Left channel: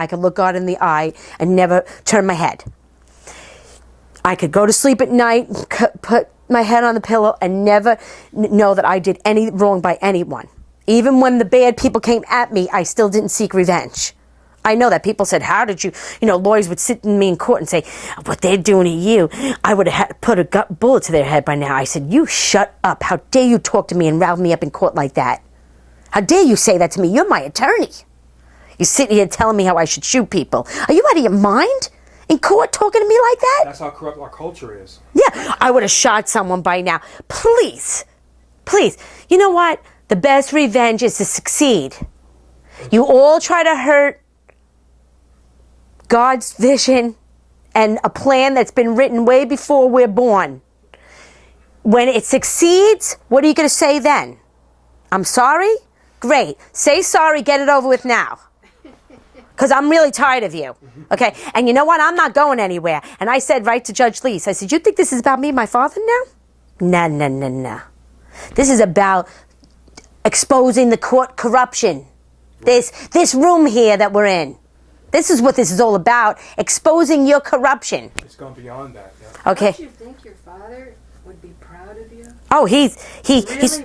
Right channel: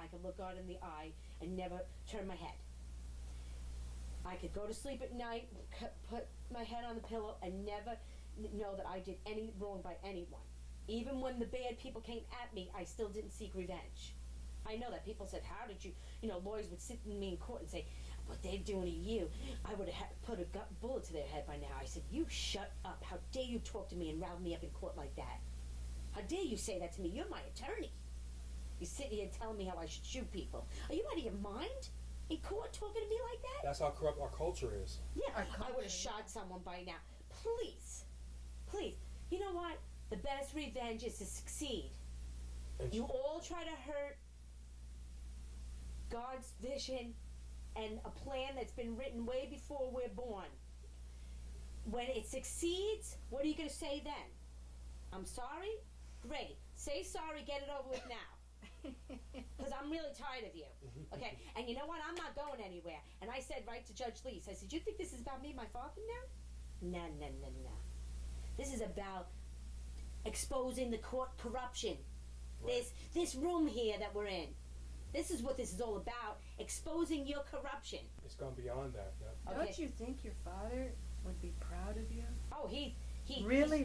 I could look God in the eye and never turn my head. I could go to sleep at night, put my head on the pillow, and never know that I did any wrong by anyone. Even when the bad people came at me, I still didn't seek revenge. I know that people said, how did you, lawyers would sit me in court and say, what they're doing to you, I would have put a bullet to their head by now. I said, you shut up. How dare you talk to me and rile me up in court like that? How dare you say that to me? You're my attorney. You sit here telling me how I should shoot people. Are you out of your mind? In court talking to me like that? That's how corrupt our culture is. Yeah, I would have shot someone by now. Please, please. You know what? The best revenge is to succeed. You all try to hurt God's vision and a plan that's been written way before we're born. When it succeeds, what are you going to say then? I'm sorry? Great. Say sorry, get it over with now. Because I'm really tired of you. Okay? And you know what? I'm not going anywhere. And I said right to Judge Lease, I said, you think this is about me and my father now? No. This is about exposing the court corruption. This room here that we're in. This is what this is all about. Exposing your corruption. It's gone beyond that. Yeah. Okay. Don't you think your father would be proud of you? Oh, he's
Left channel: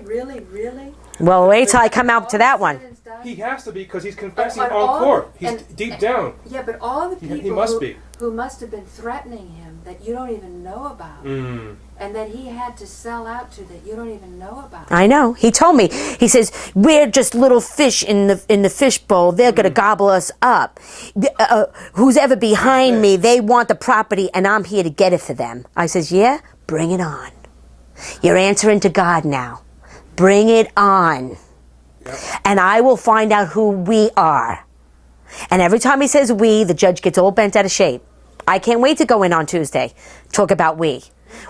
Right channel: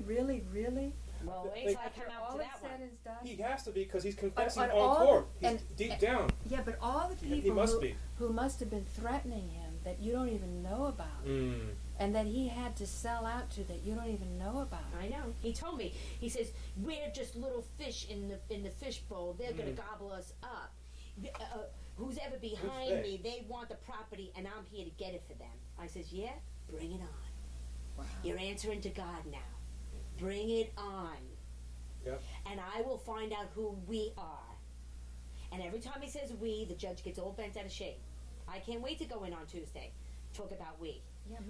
Really? Well, wait till I come out to that one. He has to be because he's confessing on all court. He's deep down. Yeah, but all the people He must who must have been threatening him that you don't even know about, and that he had to sell out to that you don't even know about. I know. He told me. He says, we're just little fish in the fish bowl. They're going to gobble us up. Who's ever behind me, they want the property, and I'm here to get it for them. I says, yeah, bring it on. You're answering to God now. Bring it on. Yep. And I will find out who we are. And every time he says we, the judge gets all bent out of shape. I can't wait to go in on Tuesday, talk about we.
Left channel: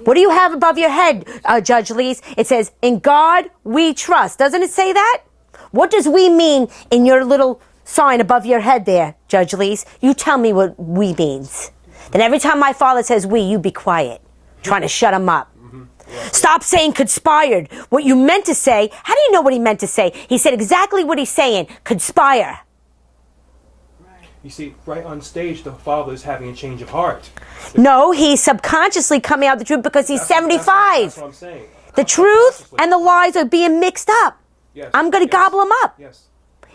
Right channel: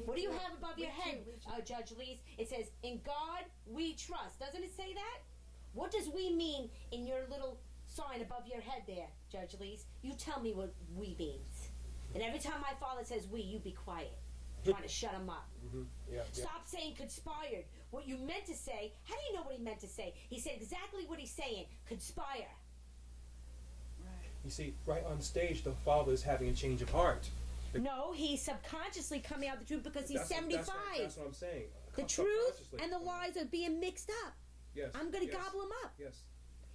What do you have above your head, Judge Lees? It says, in God we trust. Doesn't it say that? What does we mean in your little sign above your head there, Judge Lees? You tell me what we means. Then every time my father says we, you be quiet, trying to shut him up. Stop saying conspired. What you meant to say, how do you know what he meant to say? He said exactly what he's saying, conspire. You see, right on stage, the father is having a change of heart. No, he's subconsciously coming out the truth because he's 75. That's what I'm saying. The truth and the lies are being mixed up. Yes. I'm going to gobble him up. Yes.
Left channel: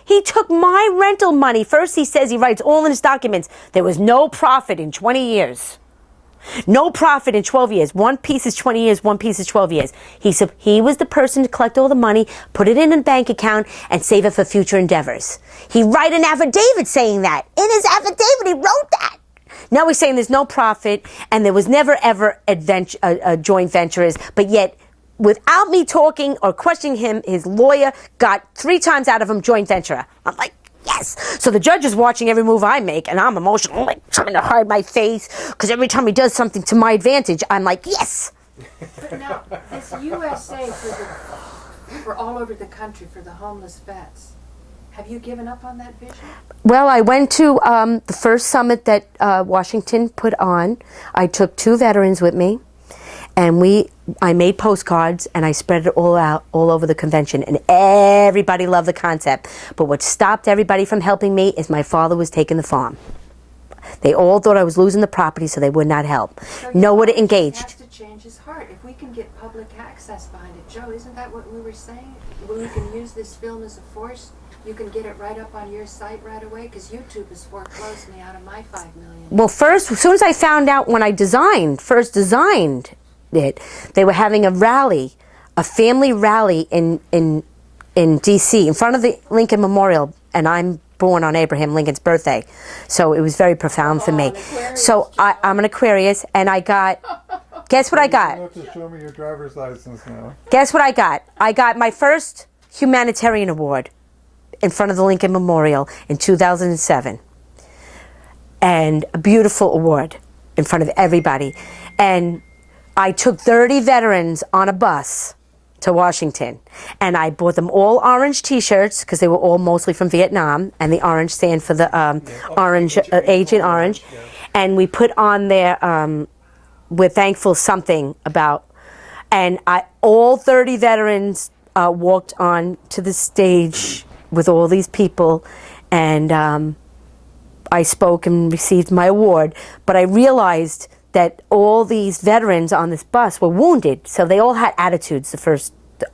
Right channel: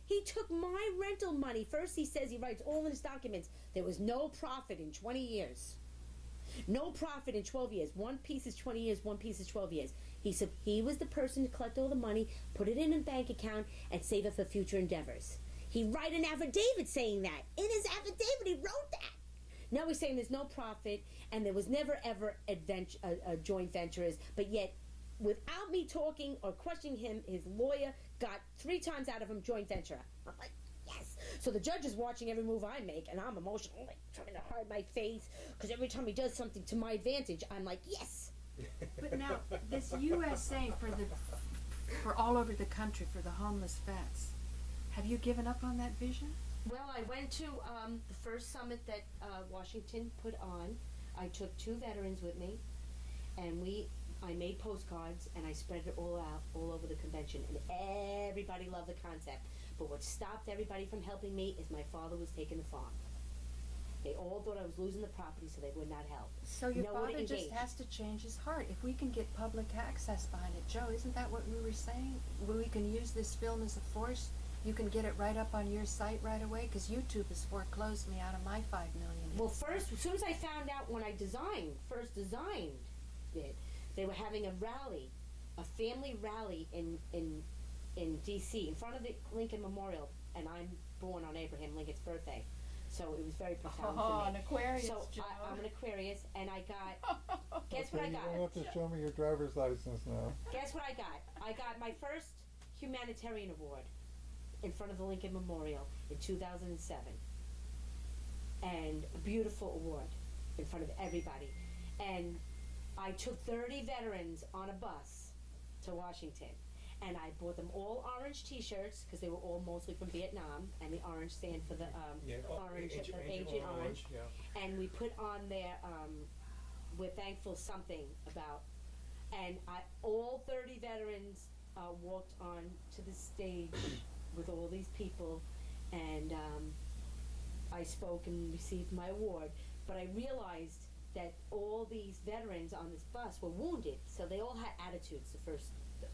He took my rental money. First he says, he writes all in his documents, there was no profit in 20 years. No profit in 12 years. One piece is 20 years, one piece is 12 years. He said he was the person to collect all the money, put it in a bank account, and save it for future endeavors. He wrote an affidavit saying that. In his affidavit, he wrote that. Now he's saying there's no profit, and there was never, ever joint ventures, but yet, without me talking or questioning him, his lawyer got 3 times out of him joint venture. I'm like, yes. So the judge is watching every move I make, and I'm emotional, like trying to hide my face, because every time he does something to my advantage, I'm like, yes. But now, this USA for all over the country for the homeless vets, have you given up on that vision? Well, I went to the first summit that Washington put on. I took 2 veterans with me, and I made postcards, and I spread it all out all over the convention, and everybody loved the concept. But what stopped everybody from helping me is my father was taking the farm. They all thought I was losing the property, so they would not help. So No one engaged. He has to change his heart. If we can get public access behind it, Joe, isn't that what we were saying? When we can use this film as a force, you can get it right up on your site right away, because YouTube has foreclosed me out of my $5 million. Well, first, as soon as I found out when I first designed it, they were having a rally, a family rally in D.C. in front of the Lincoln Memorial, and I'm born on Abraham Lincoln's birthday, so it was very profound for me. So I'm an Aquarius, and I got, guess what I got? You have to show me your driver's license now. Guess what I got? I got my first humanitarian award in front of the Lincoln Memorial in 2007, and a beautiful award in front of everybody. And I took 30 veterans on a bus to Washington, and I bought them all orange T-shirts because they were all mostly from Vietnam, and the orange stand for the orange, Agent Orange. Yeah. And we put on there, we're thankful something about, and all 30 veterans walked on to the stage with all these people, and I spoke and received my award, but I realized that all these veterans on this bus were wounded, so they all had attitudes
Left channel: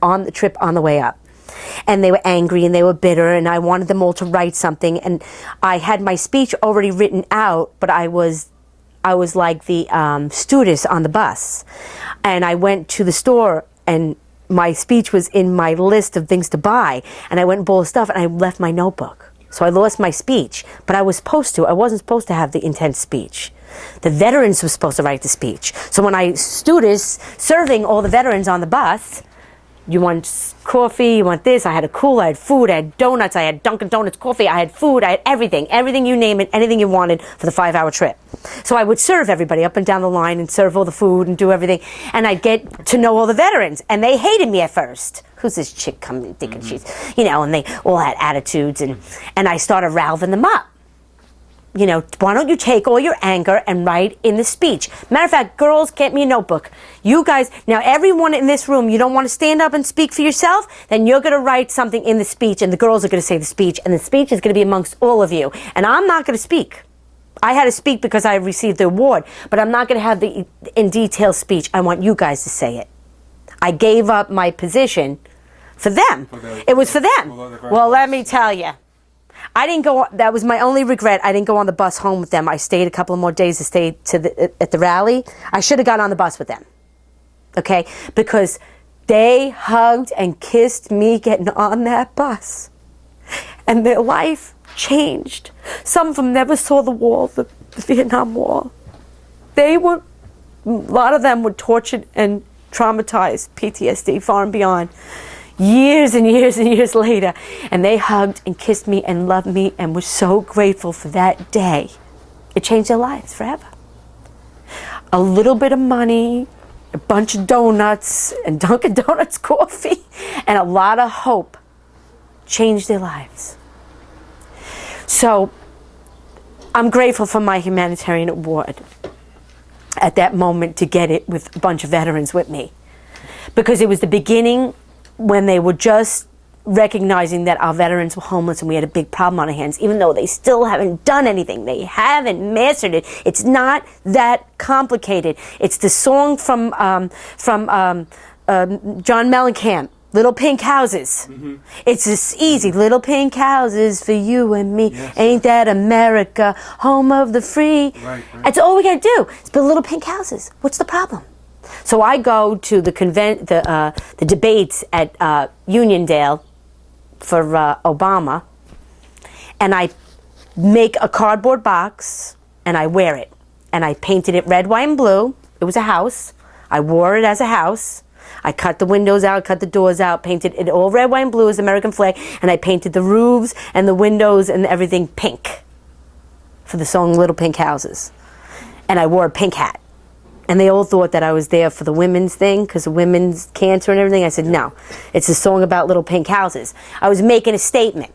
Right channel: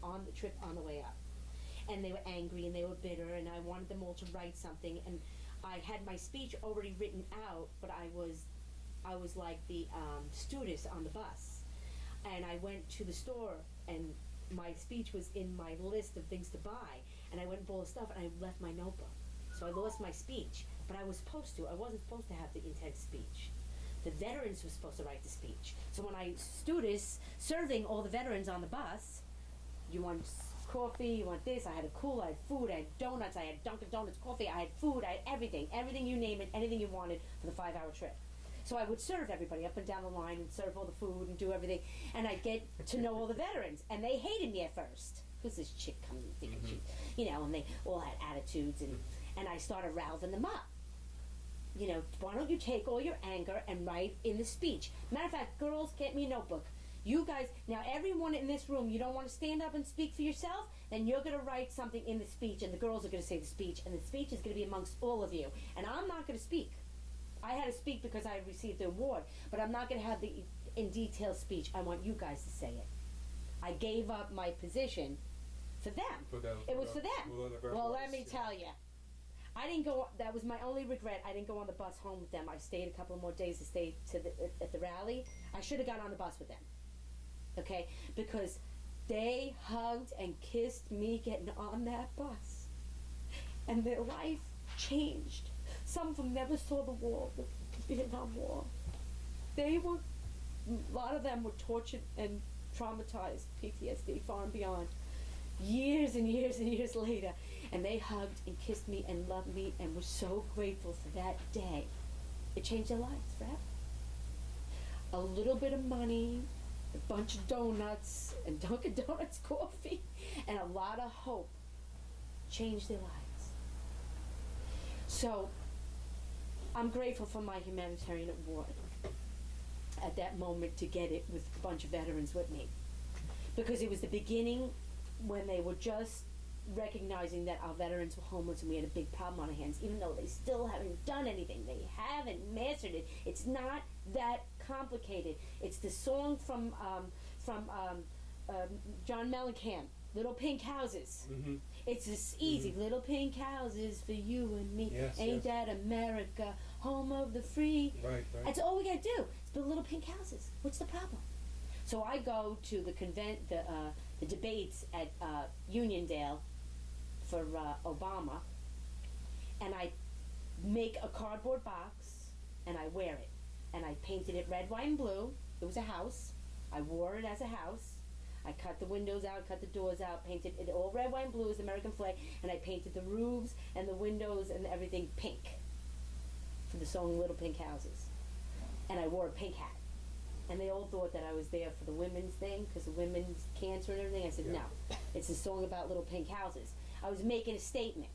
on the trip on the way up. And they were angry and they were bitter, and I wanted them all to write something, and I had my speech already written out, but I was like the stewardess on the bus. And I went to the store, and my speech was in my list of things to buy, and I went and bought stuff, and I left my notebook. So I lost my speech, but I wasn't supposed to have the intense speech. The veterans were supposed to write the speech. So when I stewardess serving all the veterans on the bus, you want coffee, you want this, I had a cooler, I had food, I had donuts, I had Dunkin' Donuts coffee, I had food, I had everything you name it, anything you wanted for the 5-hour trip. So I would serve everybody up and down the line and serve all the food and do everything, and I'd get to know all the veterans, and they hated me at first. Who's this chick coming thinking she's, and they all had attitudes, and I started rallying them up. Why don't you take all your anger and write in the speech? Matter of fact, girls, get me a notebook. You guys, now everyone in this room, you don't want to stand up and speak for yourself, then you're going to write something in the speech, and the girls are going to say the speech, and the speech is going to be amongst all of you. And I'm not going to speak. I had to speak because I received the award, but I'm not going to have the in detail speech. I want you guys to say it. I gave up my position for them. It was for them. Well, let me tell you. I didn't go. That was my only regret. I didn't go on the bus home with them. I stayed a couple of more days to stay at the rally. I should have got on the bus with them, okay? Because they hugged and kissed me getting on that bus, and their life changed. Some of them never saw the wall, the Vietnam Wall. A lot of them were tortured and traumatized, PTSD, far and beyond. Years and years and years later, and they hugged and kissed me and loved me and were so grateful for that day. It changed their lives forever. A little bit of money, a bunch of donuts and Dunkin' Donuts coffee, and a lot of hope changed their lives. So I'm grateful for my humanitarian award at that moment to get it with a bunch of veterans with me, because it was the beginning when they were just recognizing that our veterans were homeless and we had a big problem on our hands, even though they still haven't done anything. They haven't mastered it. It's not that complicated. It's the song from John Mellencamp, Little Pink Houses. Mm-hmm. It's this easy, little pink houses for you and me. Yes. Ain't that America, home of the free? Right. That's all we gotta do, is build little pink houses. What's the problem? So I go to the debates at Uniondale for Obama, and I make a cardboard box and I wear it, and I painted it red, white, and blue. It was a house. I wore it as a house. I cut the windows out, cut the doors out, painted it all red, white, and blue as the American flag, and I painted the roofs and the windows and everything pink for the song Little Pink Houses. And I wore a pink hat. And they all thought that I was there for the women's thing, because of women's cancer and everything. I said, no, it's a song about little pink houses. I was making a statement.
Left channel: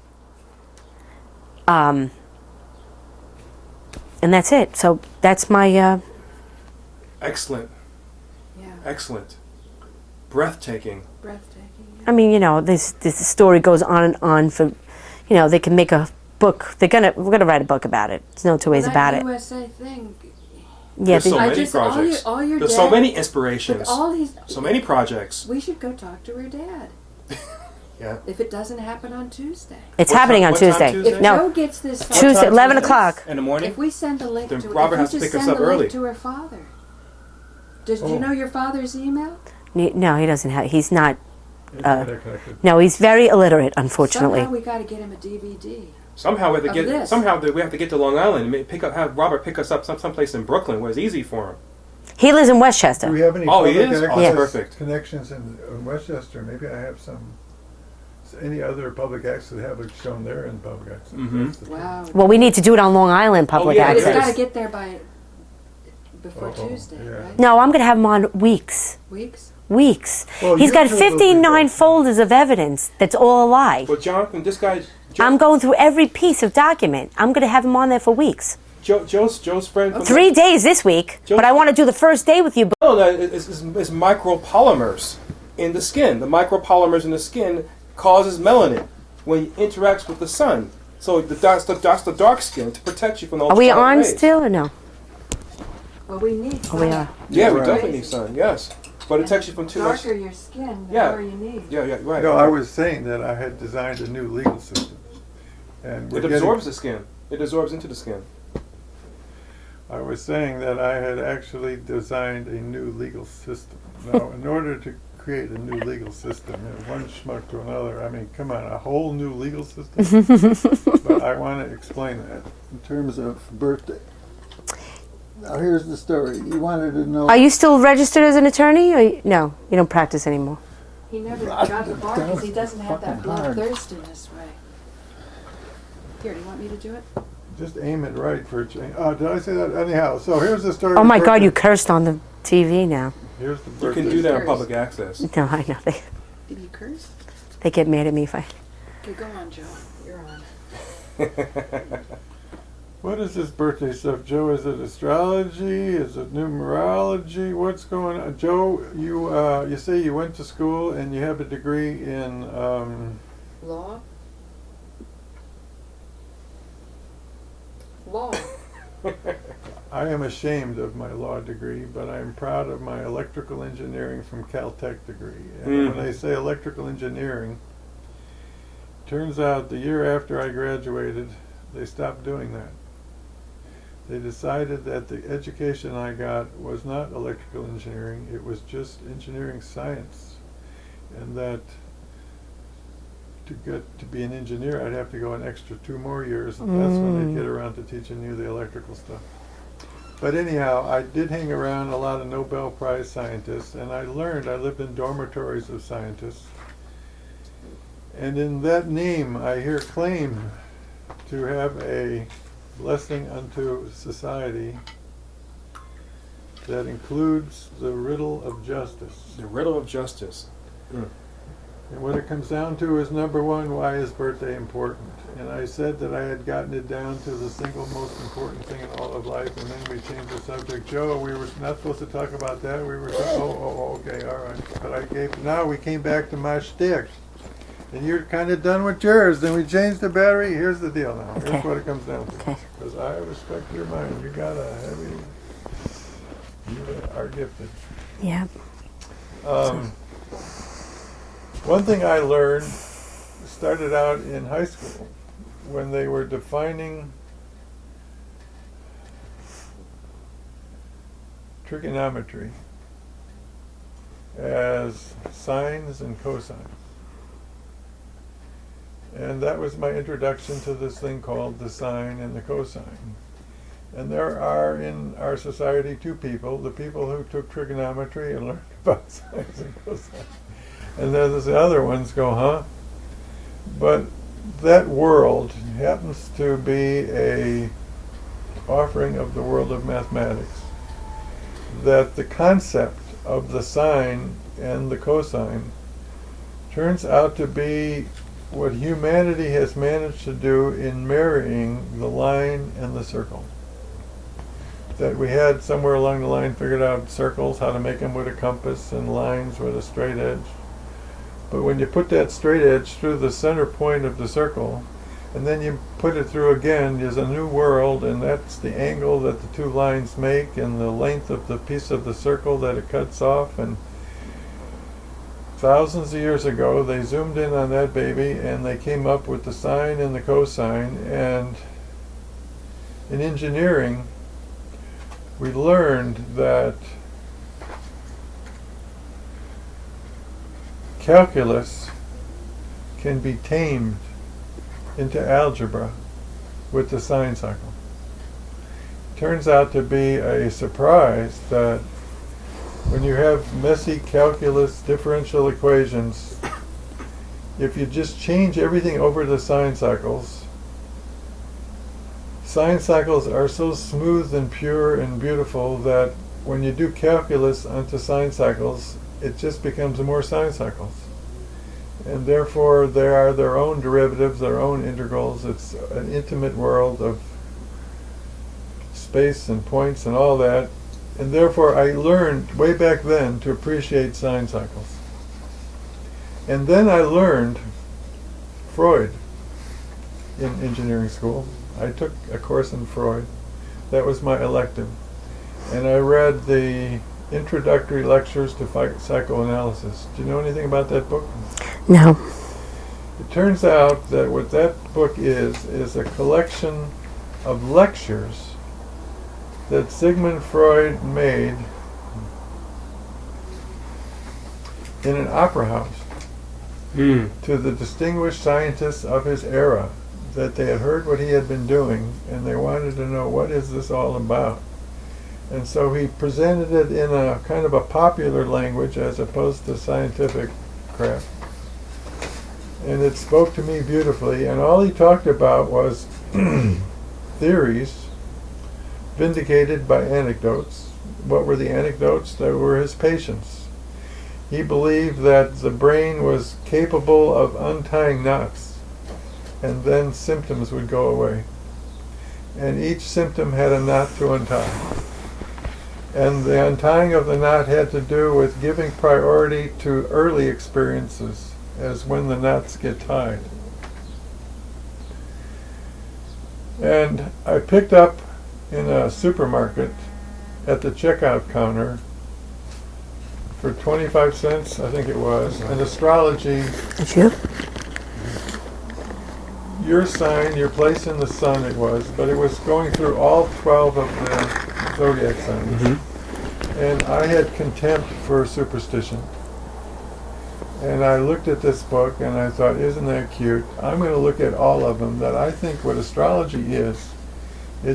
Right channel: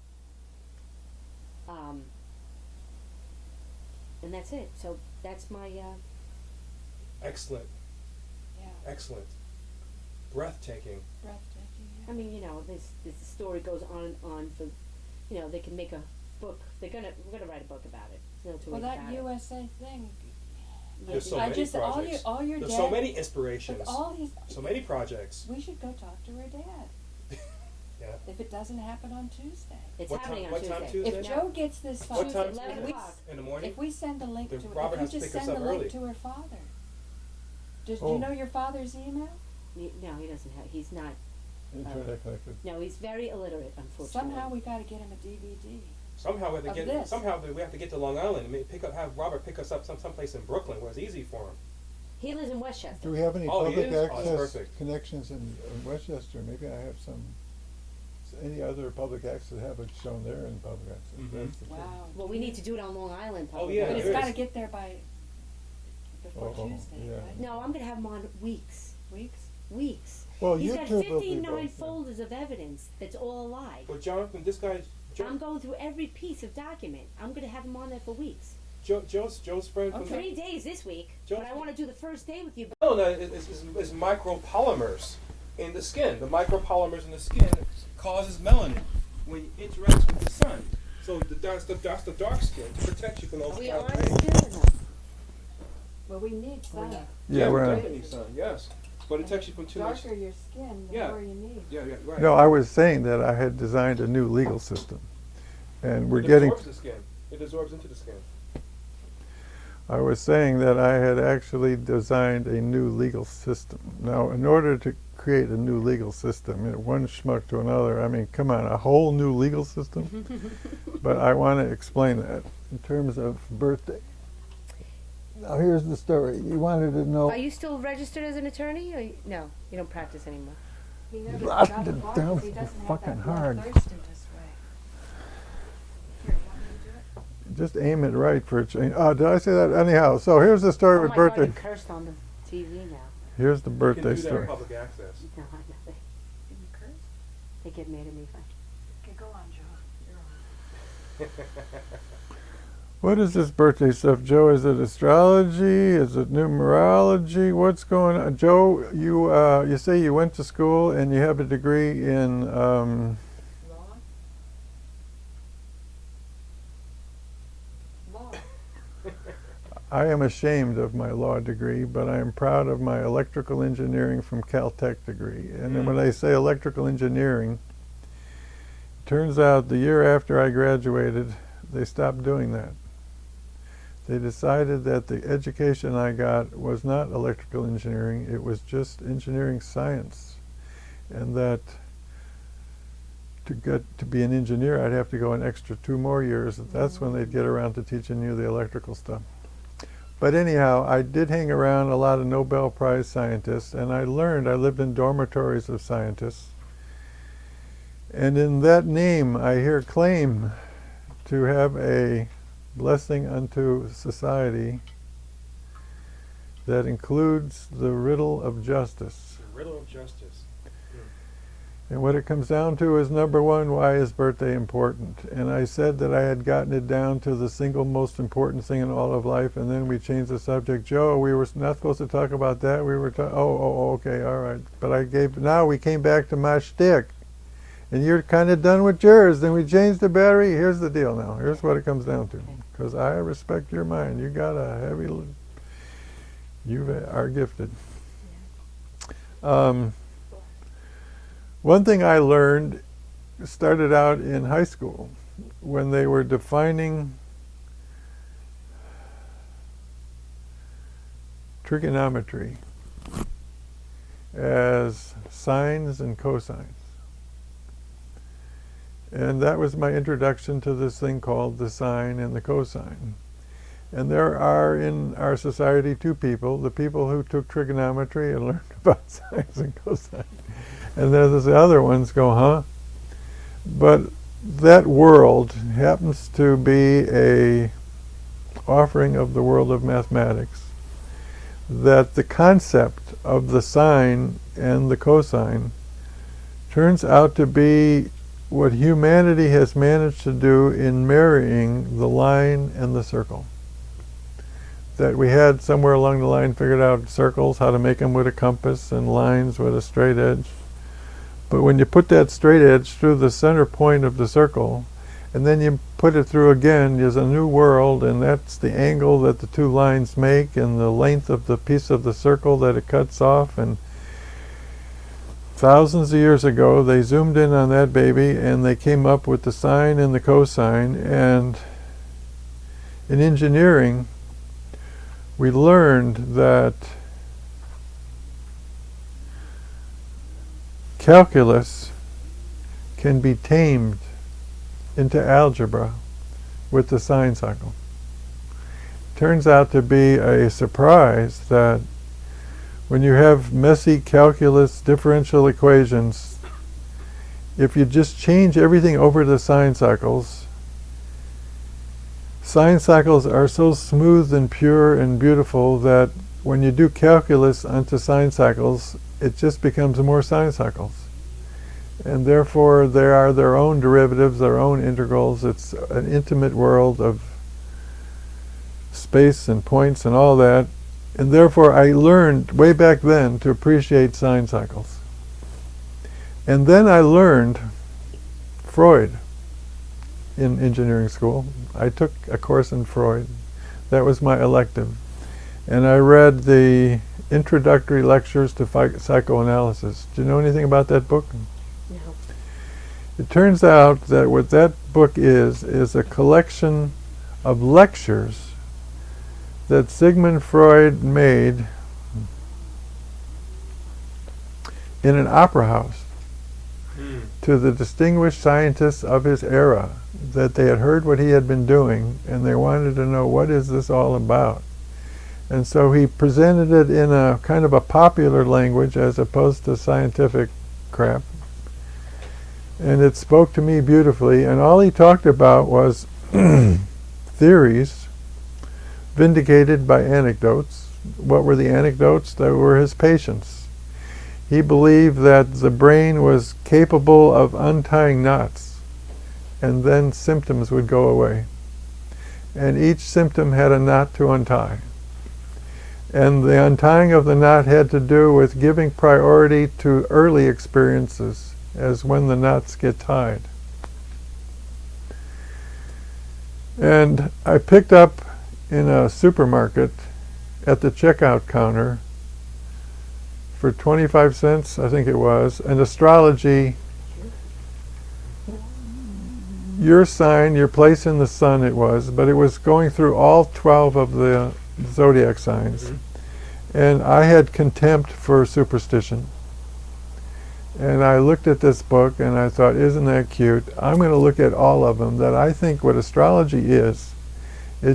And that's it. So that's my... Excellent. Yeah. Excellent. Breathtaking. Breathtaking. Yeah. I mean, this story goes on and on for, they can make a book. We're gonna write a book about it. There's no two ways about it. USA thing. Yeah, there's so many projects. All your there's dad, so many inspirations. So many projects. We should go talk to her dad. Yeah. If it doesn't happen on Tuesday. It's happening on Tuesday. If Joe gets this Tuesday, 11 o'clock. In the morning? If we send a link then to Robert has to pick us up early. To her father. Do you know your father's email? No, he doesn't have. He's not. Connected. No, he's very illiterate, unfortunately. Somehow we got to get him a DVD. Somehow we have to get to Long Island and have Robert pick us up someplace in Brooklyn where it's easy for him. He lives in Westchester. Do we have any he public is? access Perfect. connections in Westchester? Maybe I have any other public access that have it shown there in public access. Mm-hmm. Wow. Well, we need to do it on Long Island public yeah, But it's access. got to get there before Tuesday, yeah. right? No, I'm going to have him on weeks. Weeks. Well, He's got YouTube will be 59 there. folders of evidence that's all a lie. But Jonathan, this guy's... I'm going through every piece of document. I'm going to have him on there for weeks. Joe's friend... 3 days this week, but I want to do the first day with you. No, it's micropolymers in the skin. The micropolymers in the skin causes melanin when it interacts with the sun. So that's the dark skin to protect you from those. Are we ultraviolet on rays. still or no? Well, we need Oh, we are. Yeah, we right. definitely need sun. Yes, but it protects you from The too much. darker your skin, the Yeah. more you need. Yeah, right. No, I was saying that I had designed a new legal system, and we're It getting. absorbs the skin. It absorbs into the skin. I was saying that I had actually designed a new legal system. Now, in order to create a new legal system, one schmuck to another, I mean, come on, a whole new legal system? But I want to explain that in terms of birthday. Now, here's the story. You wanted to know... Are you still registered as an attorney? No, you don't practice anymore. He never got the bar because he doesn't have that bloodthirstiness right. Here, do you want me to do it? Just aim it right for a change. Oh, did I say that? Anyhow, so here's the story. Oh of my God, birthday. you cursed on the TV now. Here's the You birthday can do that story. on public access. No, I know. Did you curse? They get mad at me if I... Okay, go on, Joe. You're on. What is this birthday stuff, Joe? Is it astrology? Is it numerology? What's going on? Joe, you say you went to school and you have a degree in... Law? Law. I am ashamed of my law degree, but I am proud of my electrical engineering from Caltech degree. And when I say electrical engineering, turns out the year after I graduated, they stopped doing that. They decided that the education I got was not electrical engineering, it was just engineering science. And that to get to be an engineer, I'd have to go an extra 2 more years, and that's when they'd get around to teaching you the electrical stuff. But anyhow, I did hang around a lot of Nobel Prize scientists, and I lived in dormitories of scientists. And in that name, I hear claim to have a blessing unto society that includes the riddle of justice. The riddle of justice. And what it comes down to is, number one, why is birthday important? And I said that I had gotten it down to the single most important thing in all of life, and then we changed the subject. Joe, we were not supposed to talk about that. We were okay, all right. But now we came back to my shtick. And you're kind of done with yours. Then we changed the battery. Here's the deal now. Here's Okay. what it comes down to. Okay. Because I respect your mind. You got a heavy... You are gifted. Yeah. One thing I learned started out in high school when they were defining trigonometry as sines and cosines. And that was my introduction to this thing called the sine and the cosine. And there are in our society 2 people, the people who took trigonometry and learned about sines and cosines. And then there's the other ones go, huh? But that world happens to be a offering of the world of mathematics. That the concept of the sine and the cosine turns out to be what humanity has managed to do in marrying the line and the circle. That we had somewhere along the line figured out circles, how to make them with a compass, and lines with a straight edge. But when you put that straight edge through the center point of the circle, and then you put it through again, there's a new world, and that's the angle that the 2 lines make, and the length of the piece of the circle that it cuts off. And thousands of years ago, they zoomed in on that baby, and they came up with the sine and the cosine. And in engineering, we learned that calculus can be tamed into algebra with the sine cycle. Turns out to be a surprise that when you have messy calculus differential equations, if you just change everything over to sine cycles are so smooth and pure and beautiful that when you do calculus onto sine cycles, it just becomes more sine cycles. And therefore they are their own derivatives, their own integrals. It's an intimate world of space and points and all that. And therefore I learned way back then to appreciate sine cycles. And then I learned Freud. in engineering school. I took a course in Freud. That was my elective. And I read the Introductory Lectures to Psychoanalysis. Do you know anything about that book? No. It turns out that what that book is a collection of lectures that Sigmund Freud made in an opera house to the distinguished scientists of his era, that they had heard what he had been doing and they wanted to know, what is this all about? And so he presented it in a kind of a popular language as opposed to scientific crap. And it spoke to me beautifully, and all he talked about was theories vindicated by anecdotes. What were the anecdotes? They were his patients. He believed that the brain was capable of untying knots, and then symptoms would go away. And each symptom had a knot to untie. And the untying of the knot had to do with giving priority to early experiences, as when the knots get tied. And I picked up in a supermarket at the checkout counter for 25 cents, I think it was, an astrology, Did you? your sign, your place in the sun it was, but it was going through all 12 of the zodiac signs. And I had contempt for superstition. And I looked at this book and I thought, isn't that cute? I'm going to look at all of them. That I think what astrology is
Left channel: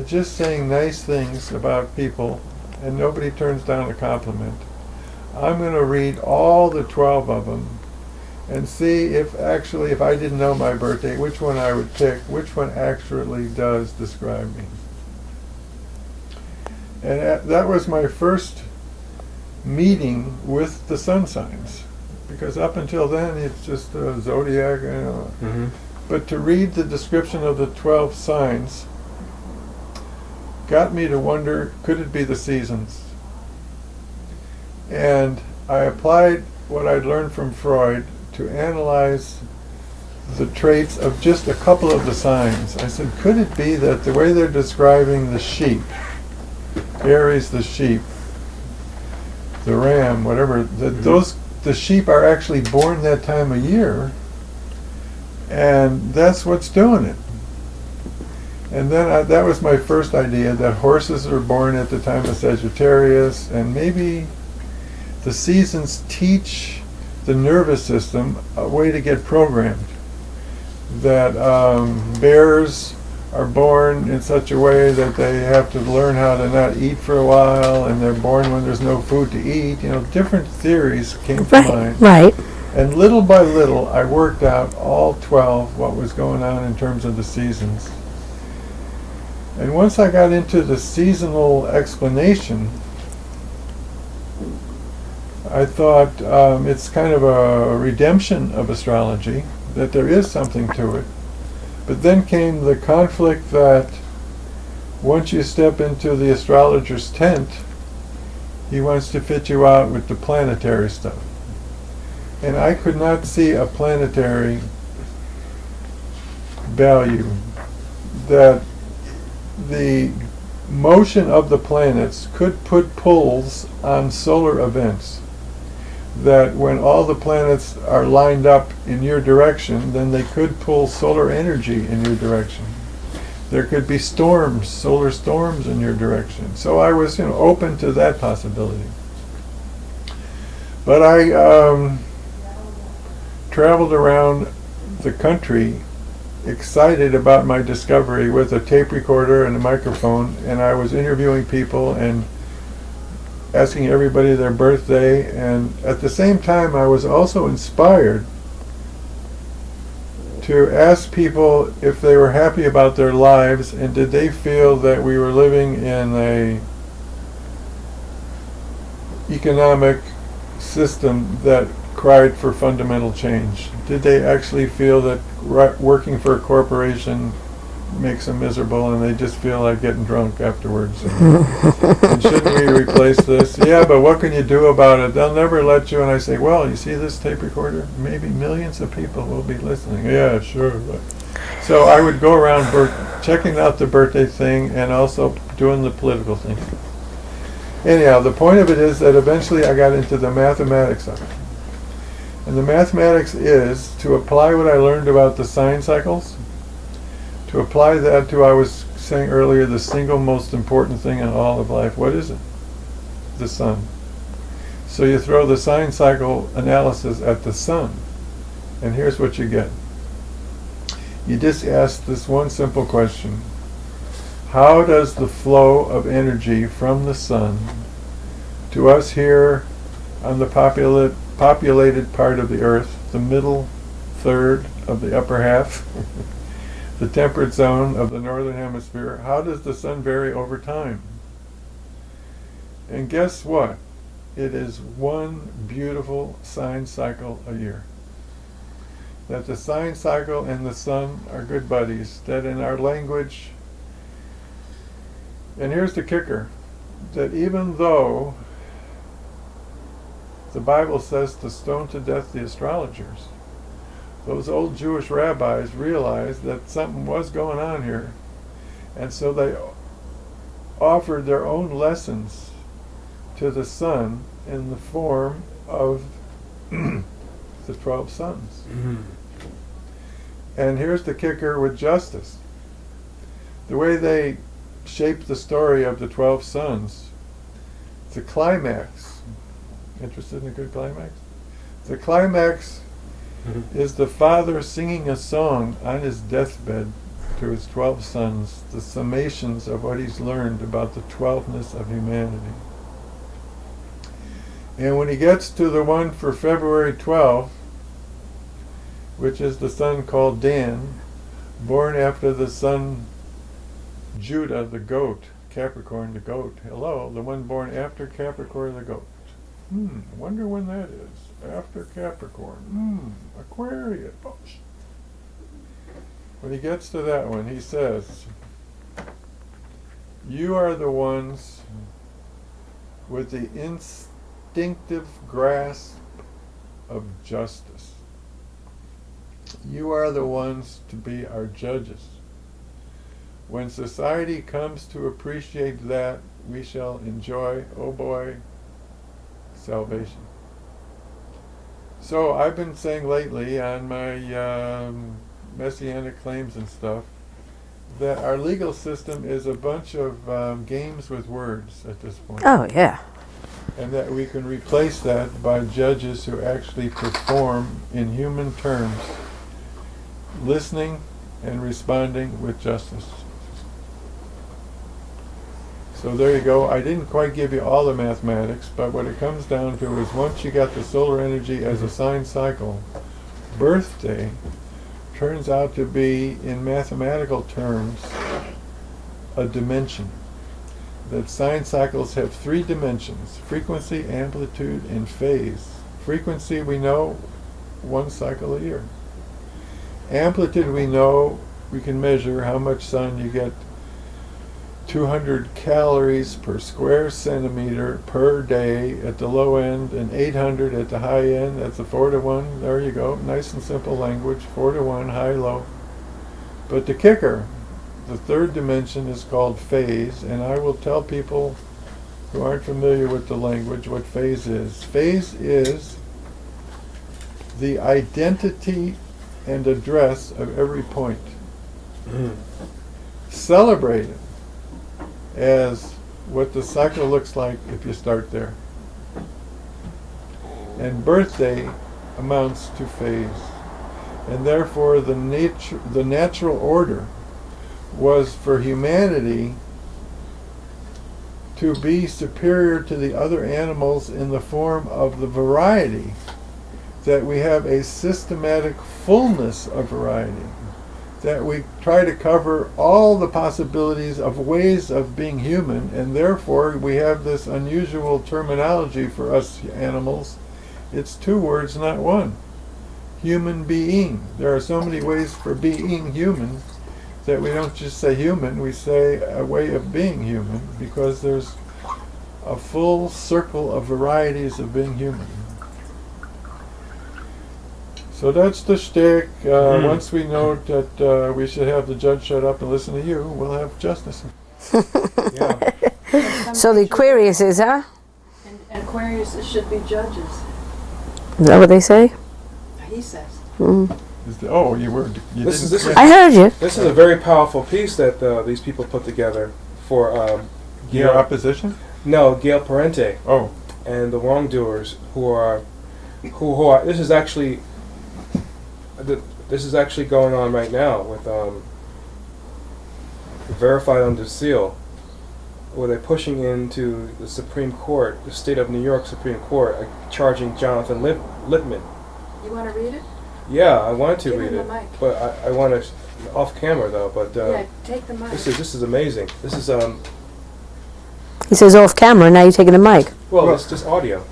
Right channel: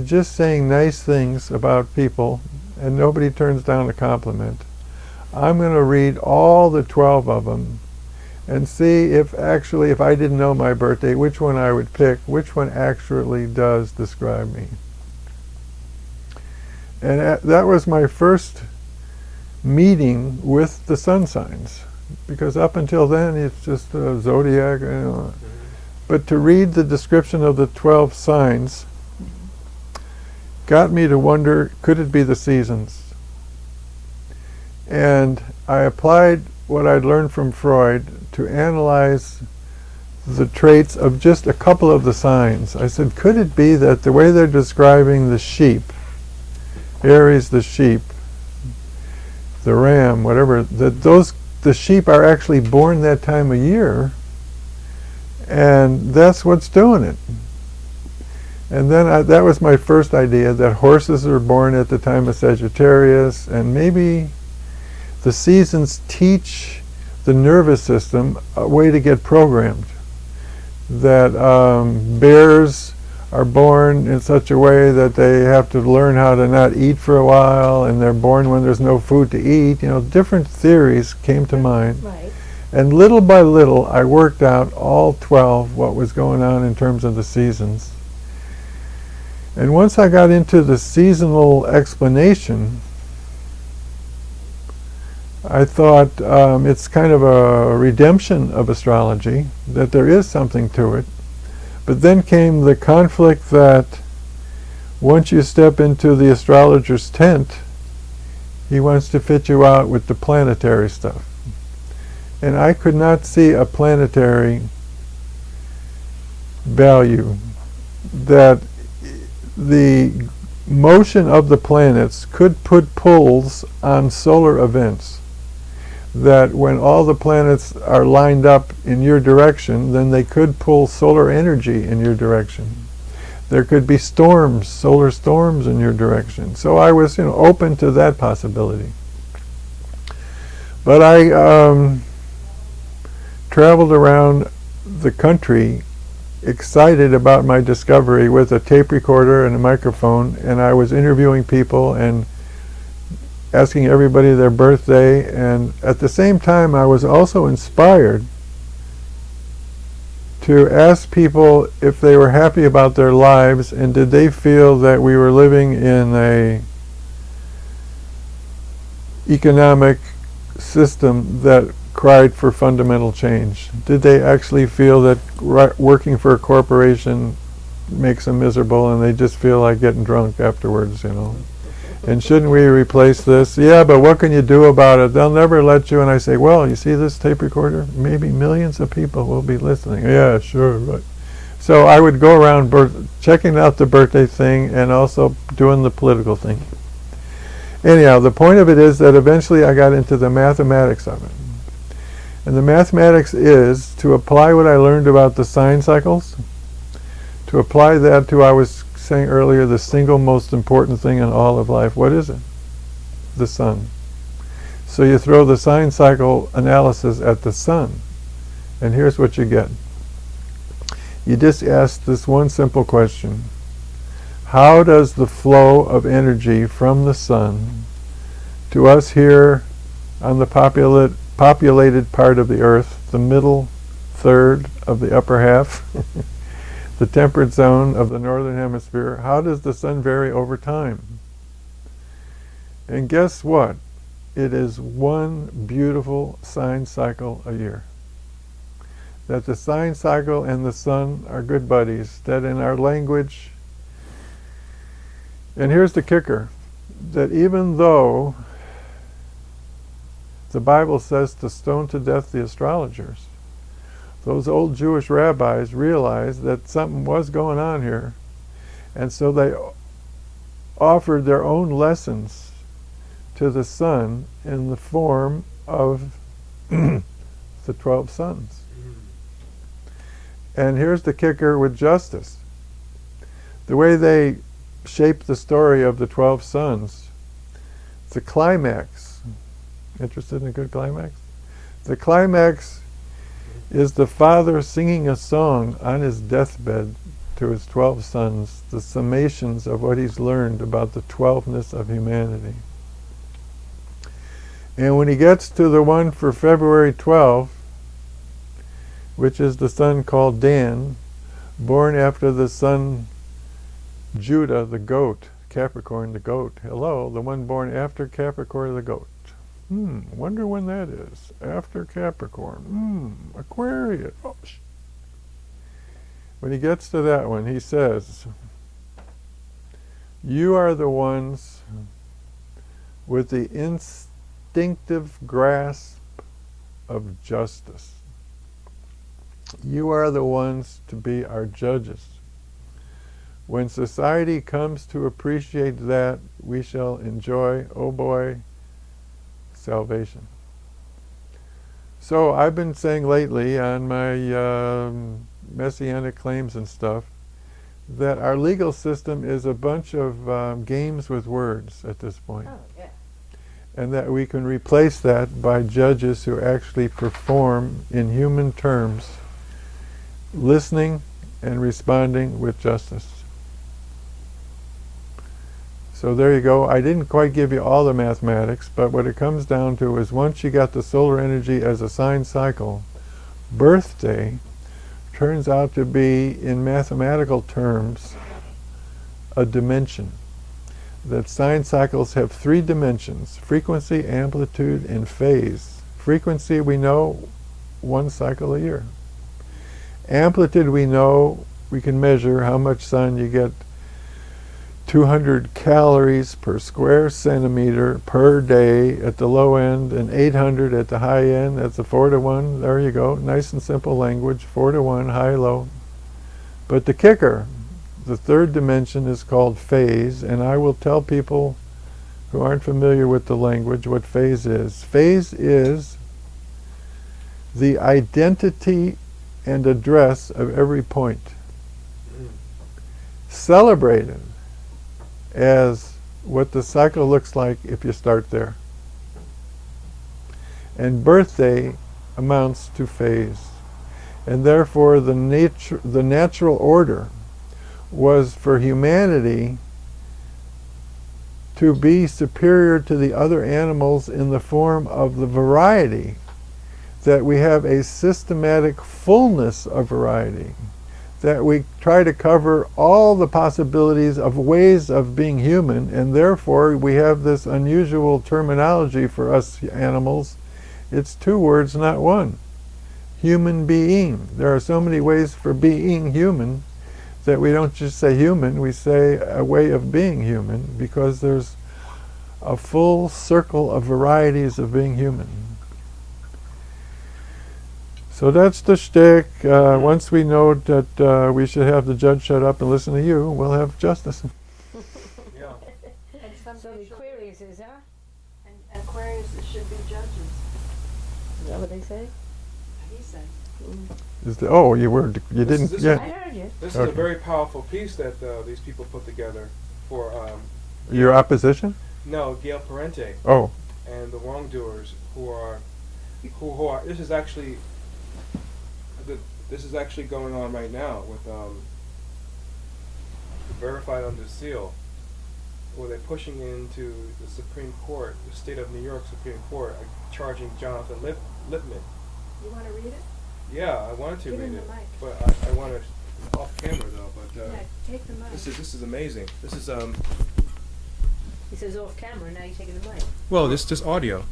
just saying nice things about people, and nobody turns down a compliment. I'm going to read all the 12 of them and see if actually, if I didn't know my birthday, which one I would pick, which one actually does describe me. And that was my first meeting with the sun signs, because up until then it's just a zodiac, you know. But to read the description of the 12 signs got me to wonder, could it be the seasons? And I applied what I'd learned from Freud to analyze the traits of just a couple of the signs. I said, could it be that the way they're describing the sheep, Aries the sheep, the ram, whatever, that the sheep are actually born that time of year, and that's what's doing it. And then that was my first idea, that horses are born at the time of Sagittarius, and maybe the seasons teach the nervous system a way to get programmed. That bears are born in such a way that they have to learn how to not eat for a while, and they're born when there's no food to eat. You know, different theories came to mind. Right. And little by little, I worked out all 12, what was going on in terms of the seasons. And once I got into the seasonal explanation, I thought it's kind of a redemption of astrology, that there is something to it. But then came the conflict that once you step into the astrologer's tent, he wants to fit you out with the planetary stuff. And I could not see a planetary value, that the motion of the planets could put pulls on solar events. That when all the planets are lined up in your direction, then they could pull solar energy in your direction. There could be storms, solar storms in your direction. So I was, open to that possibility. But I traveled around the country excited about my discovery with a tape recorder and a microphone, and I was interviewing people and asking everybody their birthday, and at the same time I was also inspired to ask people if they were happy about their lives, and did they feel that we were living in a economic system that cried for fundamental change. Did they actually feel that working for a corporation makes them miserable and they just feel like getting drunk afterwards? And shouldn't we replace this? Yeah, but what can you do about it? They'll never let you. And I say, well, you see this tape recorder? Maybe millions of people will be listening. Yeah, sure. Right. So I would go around checking out the birthday thing and also doing the political thing. Anyhow, the point of it is that eventually I got into the mathematics of it. And the mathematics is to apply what I learned about the sign cycles, to apply that to, I was saying earlier, the single most important thing in all of life. What is it? The sun. So you throw the sign cycle analysis at the sun, and here's what you get. You just ask this one simple question. How does the flow of energy from the sun to us here on the populated part of the earth, the middle third of the upper half, the temperate zone of the northern hemisphere, how does the sun vary over time? And guess what? It is one beautiful sign cycle a year. That the sign cycle and the sun are good buddies, that in our language, and here's the kicker, that even though the Bible says to stone to death the astrologers, those old Jewish rabbis realized that something was going on here, and so they offered their own lessons to the sun in the form of the 12 sons. Mm-hmm. And here's the kicker with justice. The way they shaped the story of the 12 sons, the climax, interested in a good climax? The climax is the father singing a song on his deathbed to his 12 sons, the summations of what he's learned about the 12ness of humanity. And when he gets to the one for February 12th, which is the son called Dan, born after the son Judah, the goat, Capricorn, the goat. Hello, the one born after Capricorn, the goat. Wonder when that is. After Capricorn. Aquarius. Oh, when he gets to that one, he says, you are the ones with the instinctive grasp of justice. You are the ones to be our judges. When society comes to appreciate that, we shall enjoy, oh boy, salvation. So I've been saying lately on my messianic claims and stuff that our legal system is a bunch of games with words at this point. Oh, yeah. And that we can replace that by judges who actually perform in human terms, listening and responding with justice. So there you go. I didn't quite give you all the mathematics, but what it comes down to is once you got the solar energy as a sign cycle, birthday turns out to be, in mathematical terms, a dimension. That sign cycles have 3 dimensions: frequency, amplitude, and phase. Frequency, we know, 1 cycle a year. Amplitude, we know, we can measure how much sun you get. 200 calories per square centimeter per day at the low end, and 800 at the high end. That's a 4-to-1. There you go. Nice and simple language. 4-to-1, high-low. But the kicker, the 3rd dimension, is called phase, and I will tell people who aren't familiar with the language what phase is. Phase is the identity and address of every point. Celebrated as what the cycle looks like if you start there. And birthday amounts to phase. And therefore the natural order was for humanity to be superior to the other animals in the form of the variety, that we have a systematic fullness of variety, that we try to cover all the possibilities of ways of being human, and therefore we have this unusual terminology for us animals. It's 2 words, not 1. Human being. There are so many ways for being human that we don't just say human, we say a way of being human, because there's a full circle of varieties of being human. So that's the shtick. Once we know that we should have the judge shut up and listen to you, we'll have justice. Yeah. So the Aquarius is, huh? And Aquarius should be judges, Is that what they say? he says. Oh, you This didn't. is- yeah. I heard you. This is a very powerful piece that these people put together for Your Gail, opposition? no, Gail Parente Oh, and the wrongdoers who are this is actually going on right now with verified under seal, where they're pushing into the Supreme Court, the state of New York Supreme Court, charging Jonathan Lippman. You want to read it? Yeah, I wanted to Give read him it, the mic. but I want to off camera though. But Yeah, take the mic. this is amazing. This is He says off camera. Now you're taking a mic. well, it's just audio.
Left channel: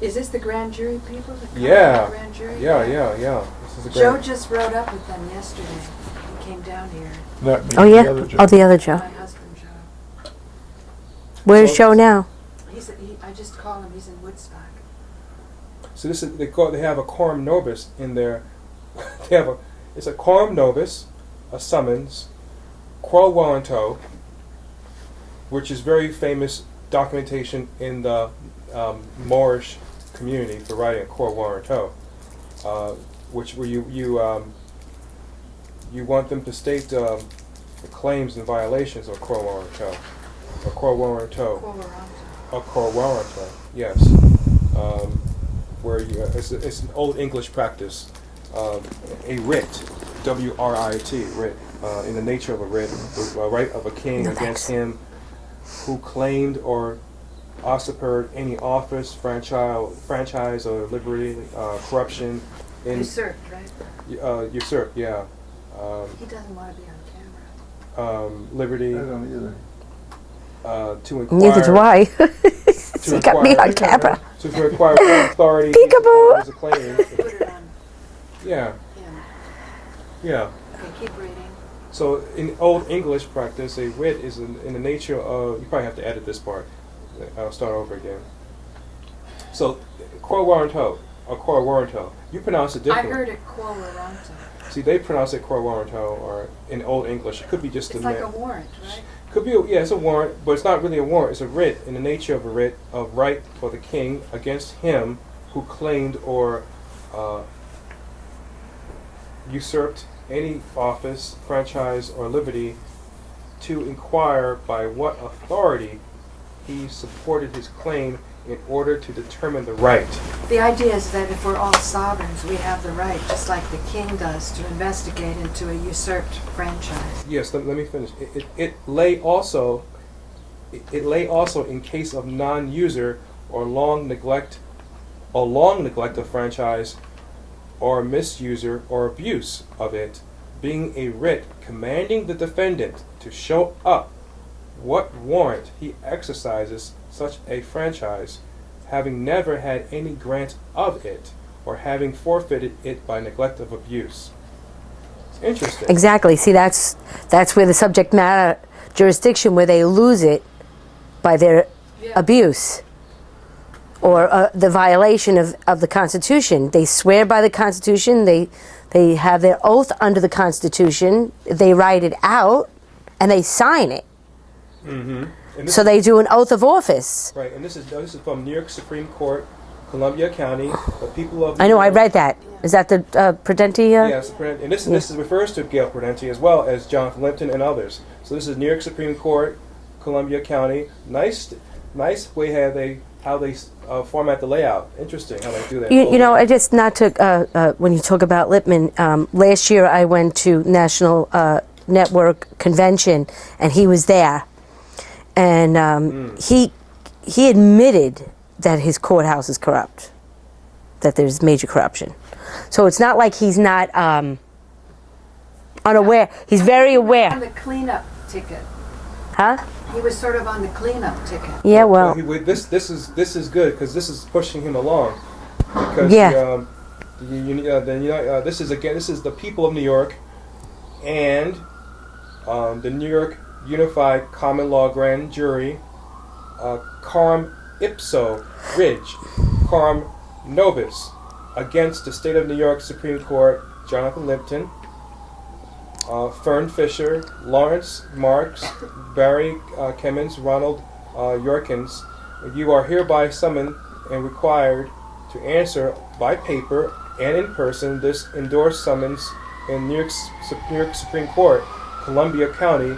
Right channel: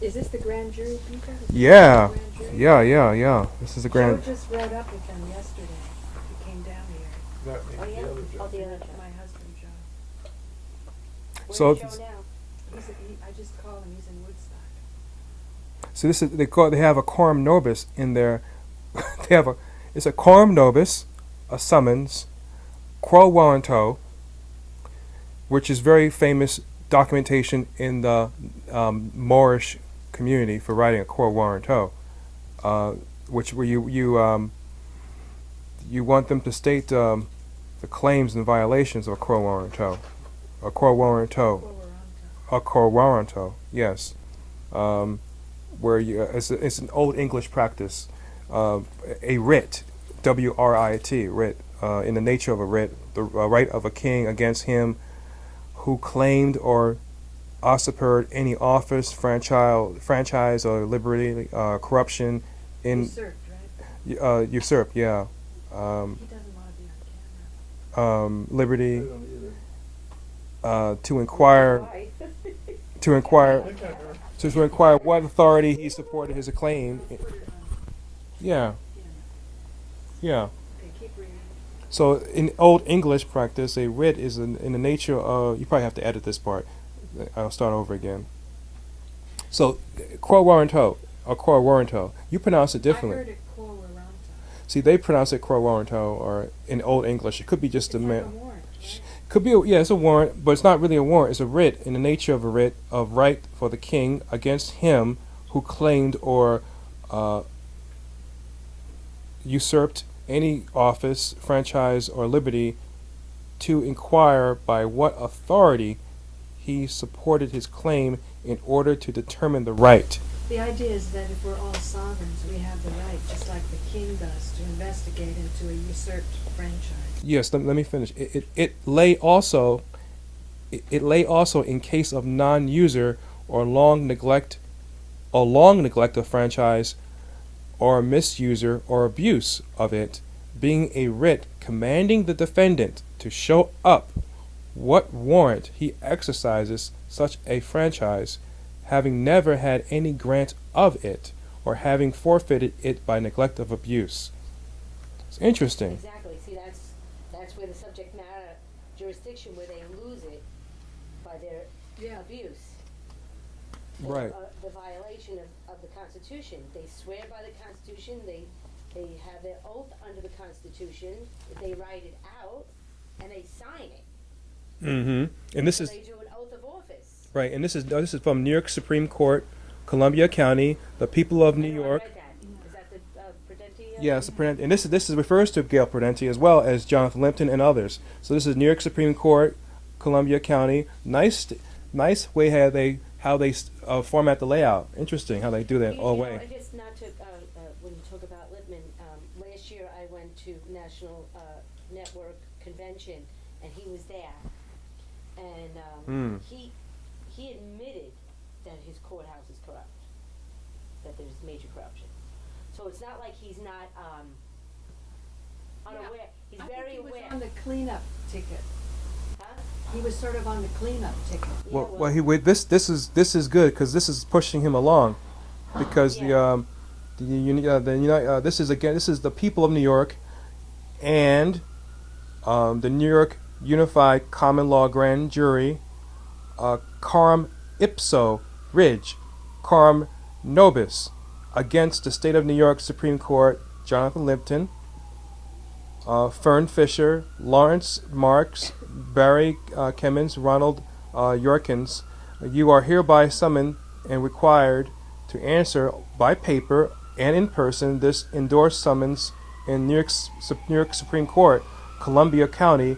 Is this the grand jury people? The Yeah, grand jury? yeah. This is a Joe grand. just rode up with them yesterday. He came down here. not me. Oh yeah. The other judge. Oh, the other Joe. My husband, Joe. Where's So- Joe now? I just call him. He's in Woodstock. So this is they have a quorum nobis in their. It's a quorum nobis, a summons, quo warranto, which is very famous documentation in the Moorish community for writing a quo warranto, where you want them to state the claims and violations of a quo warranto, a quo warranto. Quo warranto. A quo warranto, yes. Where it's an old English practice, a writ, W-R-I-T, writ, in the nature of a writ, the right of a king against him who claimed or usurped any office, franchise or liberty, corruption, Usurped, right? usurped, yeah. He doesn't want to be on camera. Liberty I don't either. to inquire. Neither do I. To he got me inquire- on camera. To require what authority he Peekaboo. supported as a claim. Put it on. Yeah, yeah. Okay, keep reading. So in Old English practice, a writ is in the nature of. You probably have to edit this part. I'll start over again. So, quo warranto, or quo warranto. You pronounce it I differently. heard it quo warranto. See, they pronounce it quo warranto, or in Old English, it could be just It's a like a warrant, right? Could be, it's a warrant, but it's not really a warrant. It's a writ in the nature of a writ of right for the king against him who claimed or usurped any office, franchise, or liberty to inquire by what authority he supported his claim in order to determine the right. The idea is that if we're all sovereigns, we have the right, just like the king does, to investigate into a usurped franchise. Yes, let me finish. It lay also in case of non-user or long neglect of franchise or misuser or abuse of it, being a writ commanding the defendant to show up what warrant he exercises such a franchise, having never had any grant of it, or having forfeited it by neglect of abuse. It's interesting. Exactly. See, that's where the subject matter jurisdiction, where they lose it by their abuse or the violation of the Constitution. They swear by the Constitution. They have their oath under the Constitution. They write it out and they sign it. Mm-hmm. And this So is, they do an oath of office. right, and this is from New York Supreme Court, Columbia County, the people of New I know. I York. read that. Is that the Prudenti? Yes, and this refers to Gail Prudenti as well as Jonathan Lippman and others. So this is New York Supreme Court, Columbia County. Nice way how they format the layout. Interesting how they do that. You know, I just not to when you talk about Lippman. Last year I went to National Network Convention and he was there, and he admitted that his courthouse is corrupt, that there's major corruption. So it's not like he's not unaware. He's very On aware. the cleanup ticket. Huh? He was sort of on the cleanup ticket. Yeah, well, this is good because this is pushing him along because Yeah. this is the people of New York and the New York Unified Common Law Grand Jury, Coram Ipso Ridge, coram nobis against the State of New York Supreme Court, Jonathan Lipton, Fern Fisher, Lawrence Marks, Barry Kimmins, Ronald Yorkins. You are hereby summoned and required to answer by paper and in person this endorsed summons in New York Supreme Court, Columbia County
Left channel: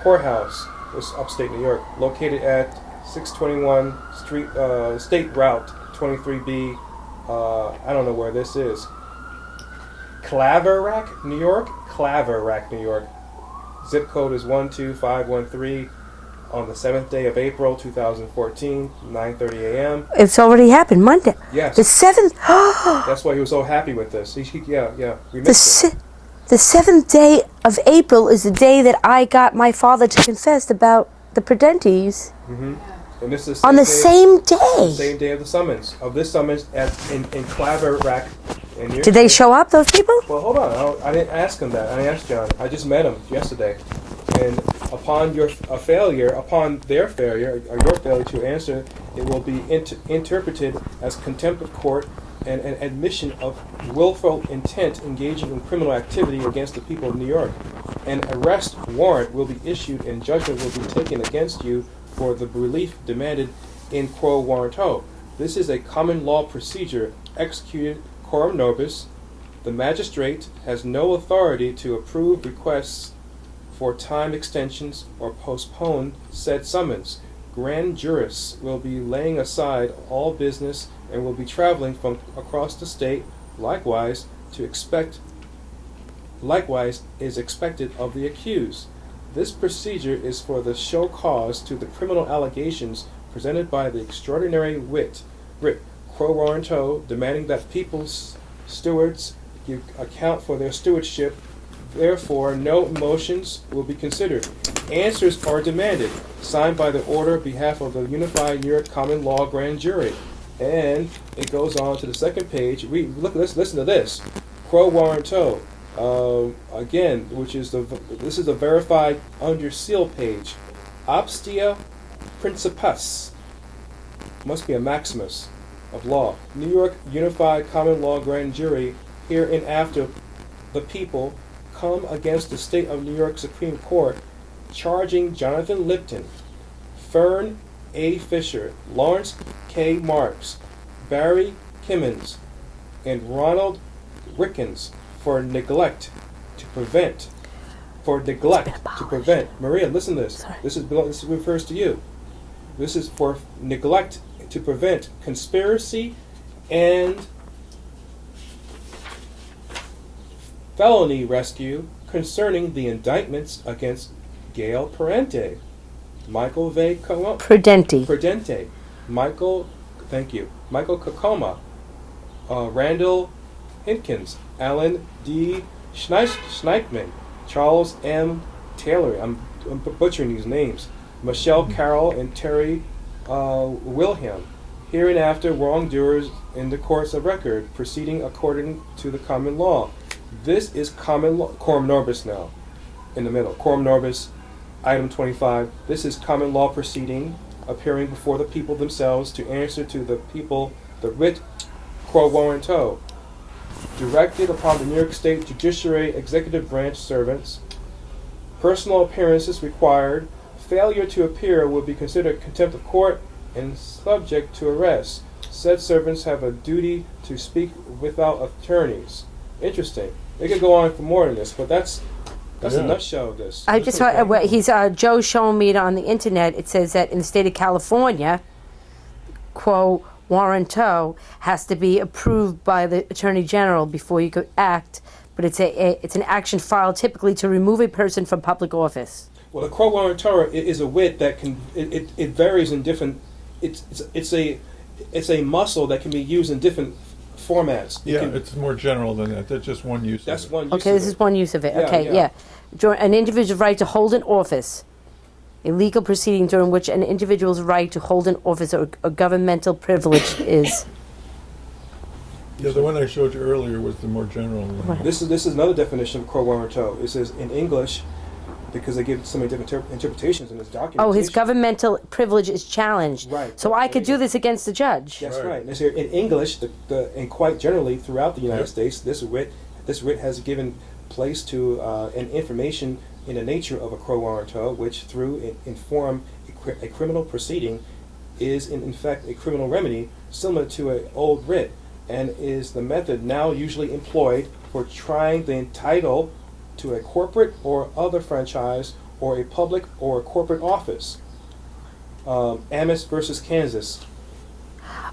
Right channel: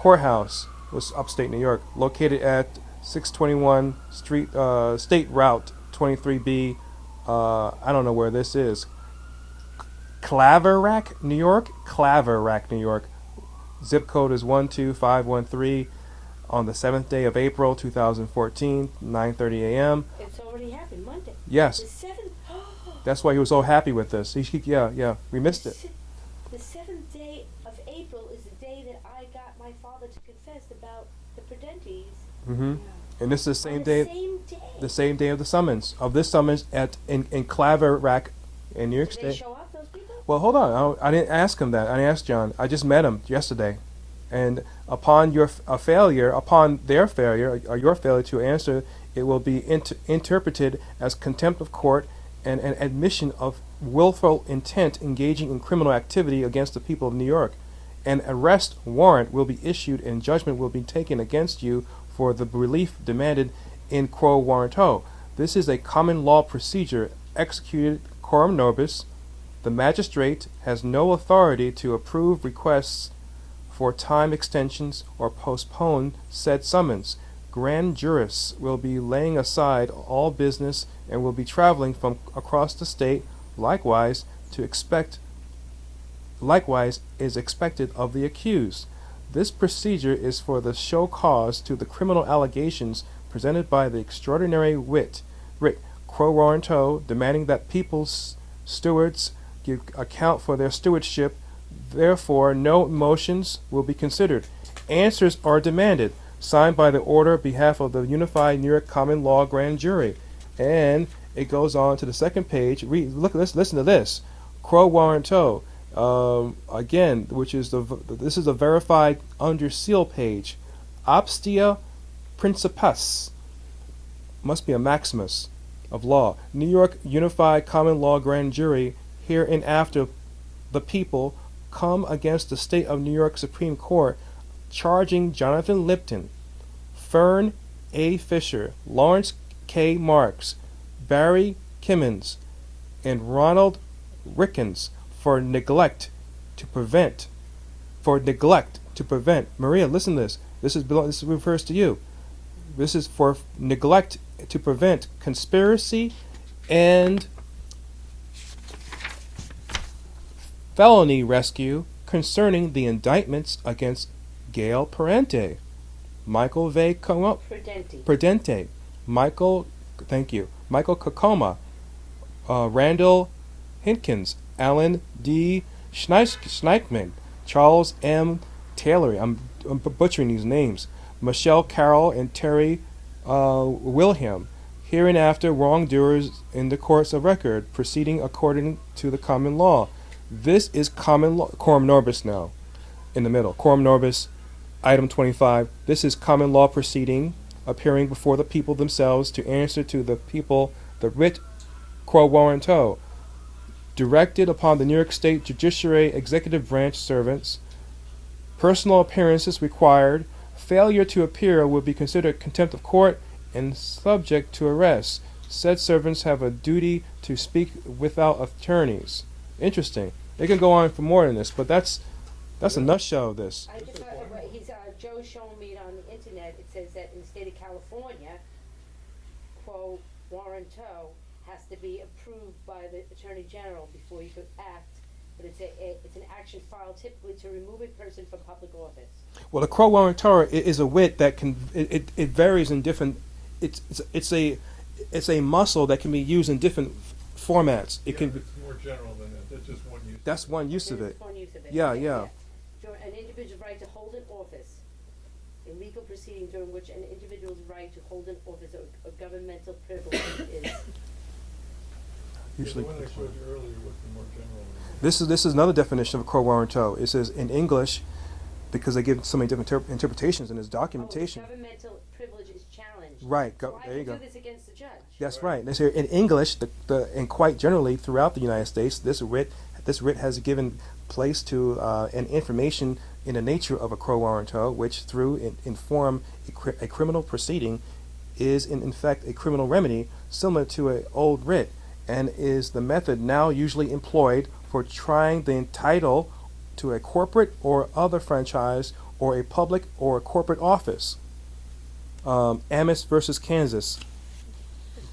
Courthouse, this upstate New York, located at 621 State Route 23B. I don't know where this is. Claverack, New York. Claverack, New York. Zip code is 12513. On the 7th day of April 2014, 9:30 a.m. It's already happened Monday. Yes. The 7th. That's why he was so happy with this. Yeah. We The, missed it. the 7th day of April is the day that I got my father to confess about the Prudentes. And this is the On the same same day. day of the summons. Of this summons in Claverack in New York Did they State. show up, those people? Well, hold on. I didn't ask him that. I didn't ask John. I just met him yesterday. And upon their failure, or your failure to answer, it will be interpreted as contempt of court and an admission of willful intent engaging in criminal activity against the people of New York. An arrest warrant will be issued and judgment will be taken against you for the relief demanded in quo warranto. This is a common law procedure executed coram nobis. The magistrate has no authority to approve requests for time extensions or postpone said summons. Grand jurists will be laying aside all business and will be traveling from across the state. Likewise is expected of the accused. This procedure is for the show cause to the criminal allegations presented by the extraordinary writ quo warranto, demanding that people's stewards give account for their stewardship. Therefore, no motions will be considered. Answers are demanded, signed by the order on behalf of the Unified New York Common Law Grand Jury. And it goes on to the second page. Listen to this. Quo warranto, again, this is a verified under seal page. Obstia principis, must be a maximus of law. New York Unified Common Law Grand Jury, hereinafter the people come against the State of New York Supreme Court, charging Jonathan Lipton, Fern A. Fisher, Lawrence K. Marks, Barry Kimmins, and Ronald Rickens for neglect to prevent. Maria, listen to this. Sorry. This refers to you. This is for neglect to prevent conspiracy and felony rescue concerning the indictments against Gail Parente, Michael V. Prudente. Michael Kakoma, Randall Hinkins, Alan D. Schneikman, Charles M. Taylor, I'm butchering these names, Michelle Carroll, and Terry Wilhelm, hereinafter wrongdoers in the courts of record, proceeding according to the common law. This is common law, coram nobis now, in the middle. Coram nobis, item 25. This is common law proceeding, appearing before the people themselves to answer to the people the writ quo warranto, directed upon the New York State Judiciary Executive Branch servants. Personal appearances required. Failure to appear will be considered contempt of court and subject to arrest. Said servants have a duty to speak without attorneys. Interesting. They could go on for more than this, but that's a nutshell of this. I just Joe's showing me it on the internet. It says that in the state of California, quo warranto has to be approved by the Attorney General before you could act, but it's an action filed typically to remove a person from public office. Well, the quo warranto is a wit that can it varies in different. It's a muscle that can be used in different formats. It's more general than that. That's just one use. That's of it. one use. Okay, this is one use of it. Yeah, Okay, yeah. An individual's right to hold an office, a legal proceeding during which an individual's right to hold an office or a governmental privilege is. Yeah, the one I showed you earlier was the more general one. This is another definition of quo warranto. It says in English, because they give so many different interpretations in this documentation. Oh, his governmental privilege is challenged. Right. So I could do this against the judge. That's right. And so in English, and quite generally throughout the United States, this writ has given place to an information in the nature of a quo warranto, which through inform a criminal proceeding is in fact a criminal remedy similar to an old writ, and is the method now usually employed for trying the entitle to a corporate or other franchise or a public or a corporate office. Amos versus Kansas.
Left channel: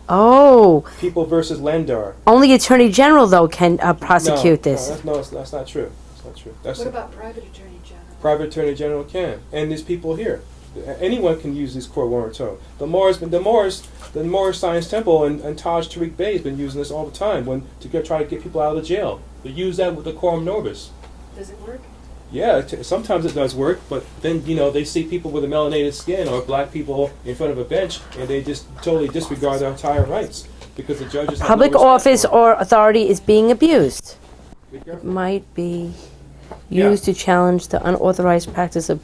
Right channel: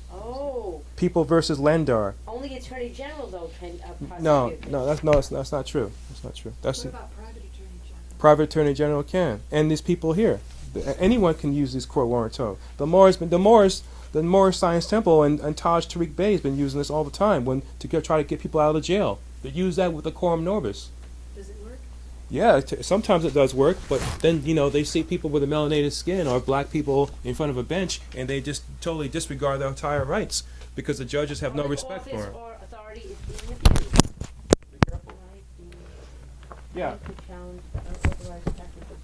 Oh. People versus Landar. Only Attorney General, though, can prosecute this. That's not true. That's not true. What about private attorney general? Private attorney general can, and these people here, anyone can use this court warranto. The Moores Science Temple and Taj Tariq Bey has been using this all the time try to get people out of the jail. They use that with the quorum nobis. Does it work? Yeah, sometimes it does work, but then they see people with a melanated skin or black people in front of a bench, and they just totally disregard their entire rights because the judges have Public no respect office for it. or authority is being abused. Be careful. Might be Yeah. used to challenge the unauthorized practice of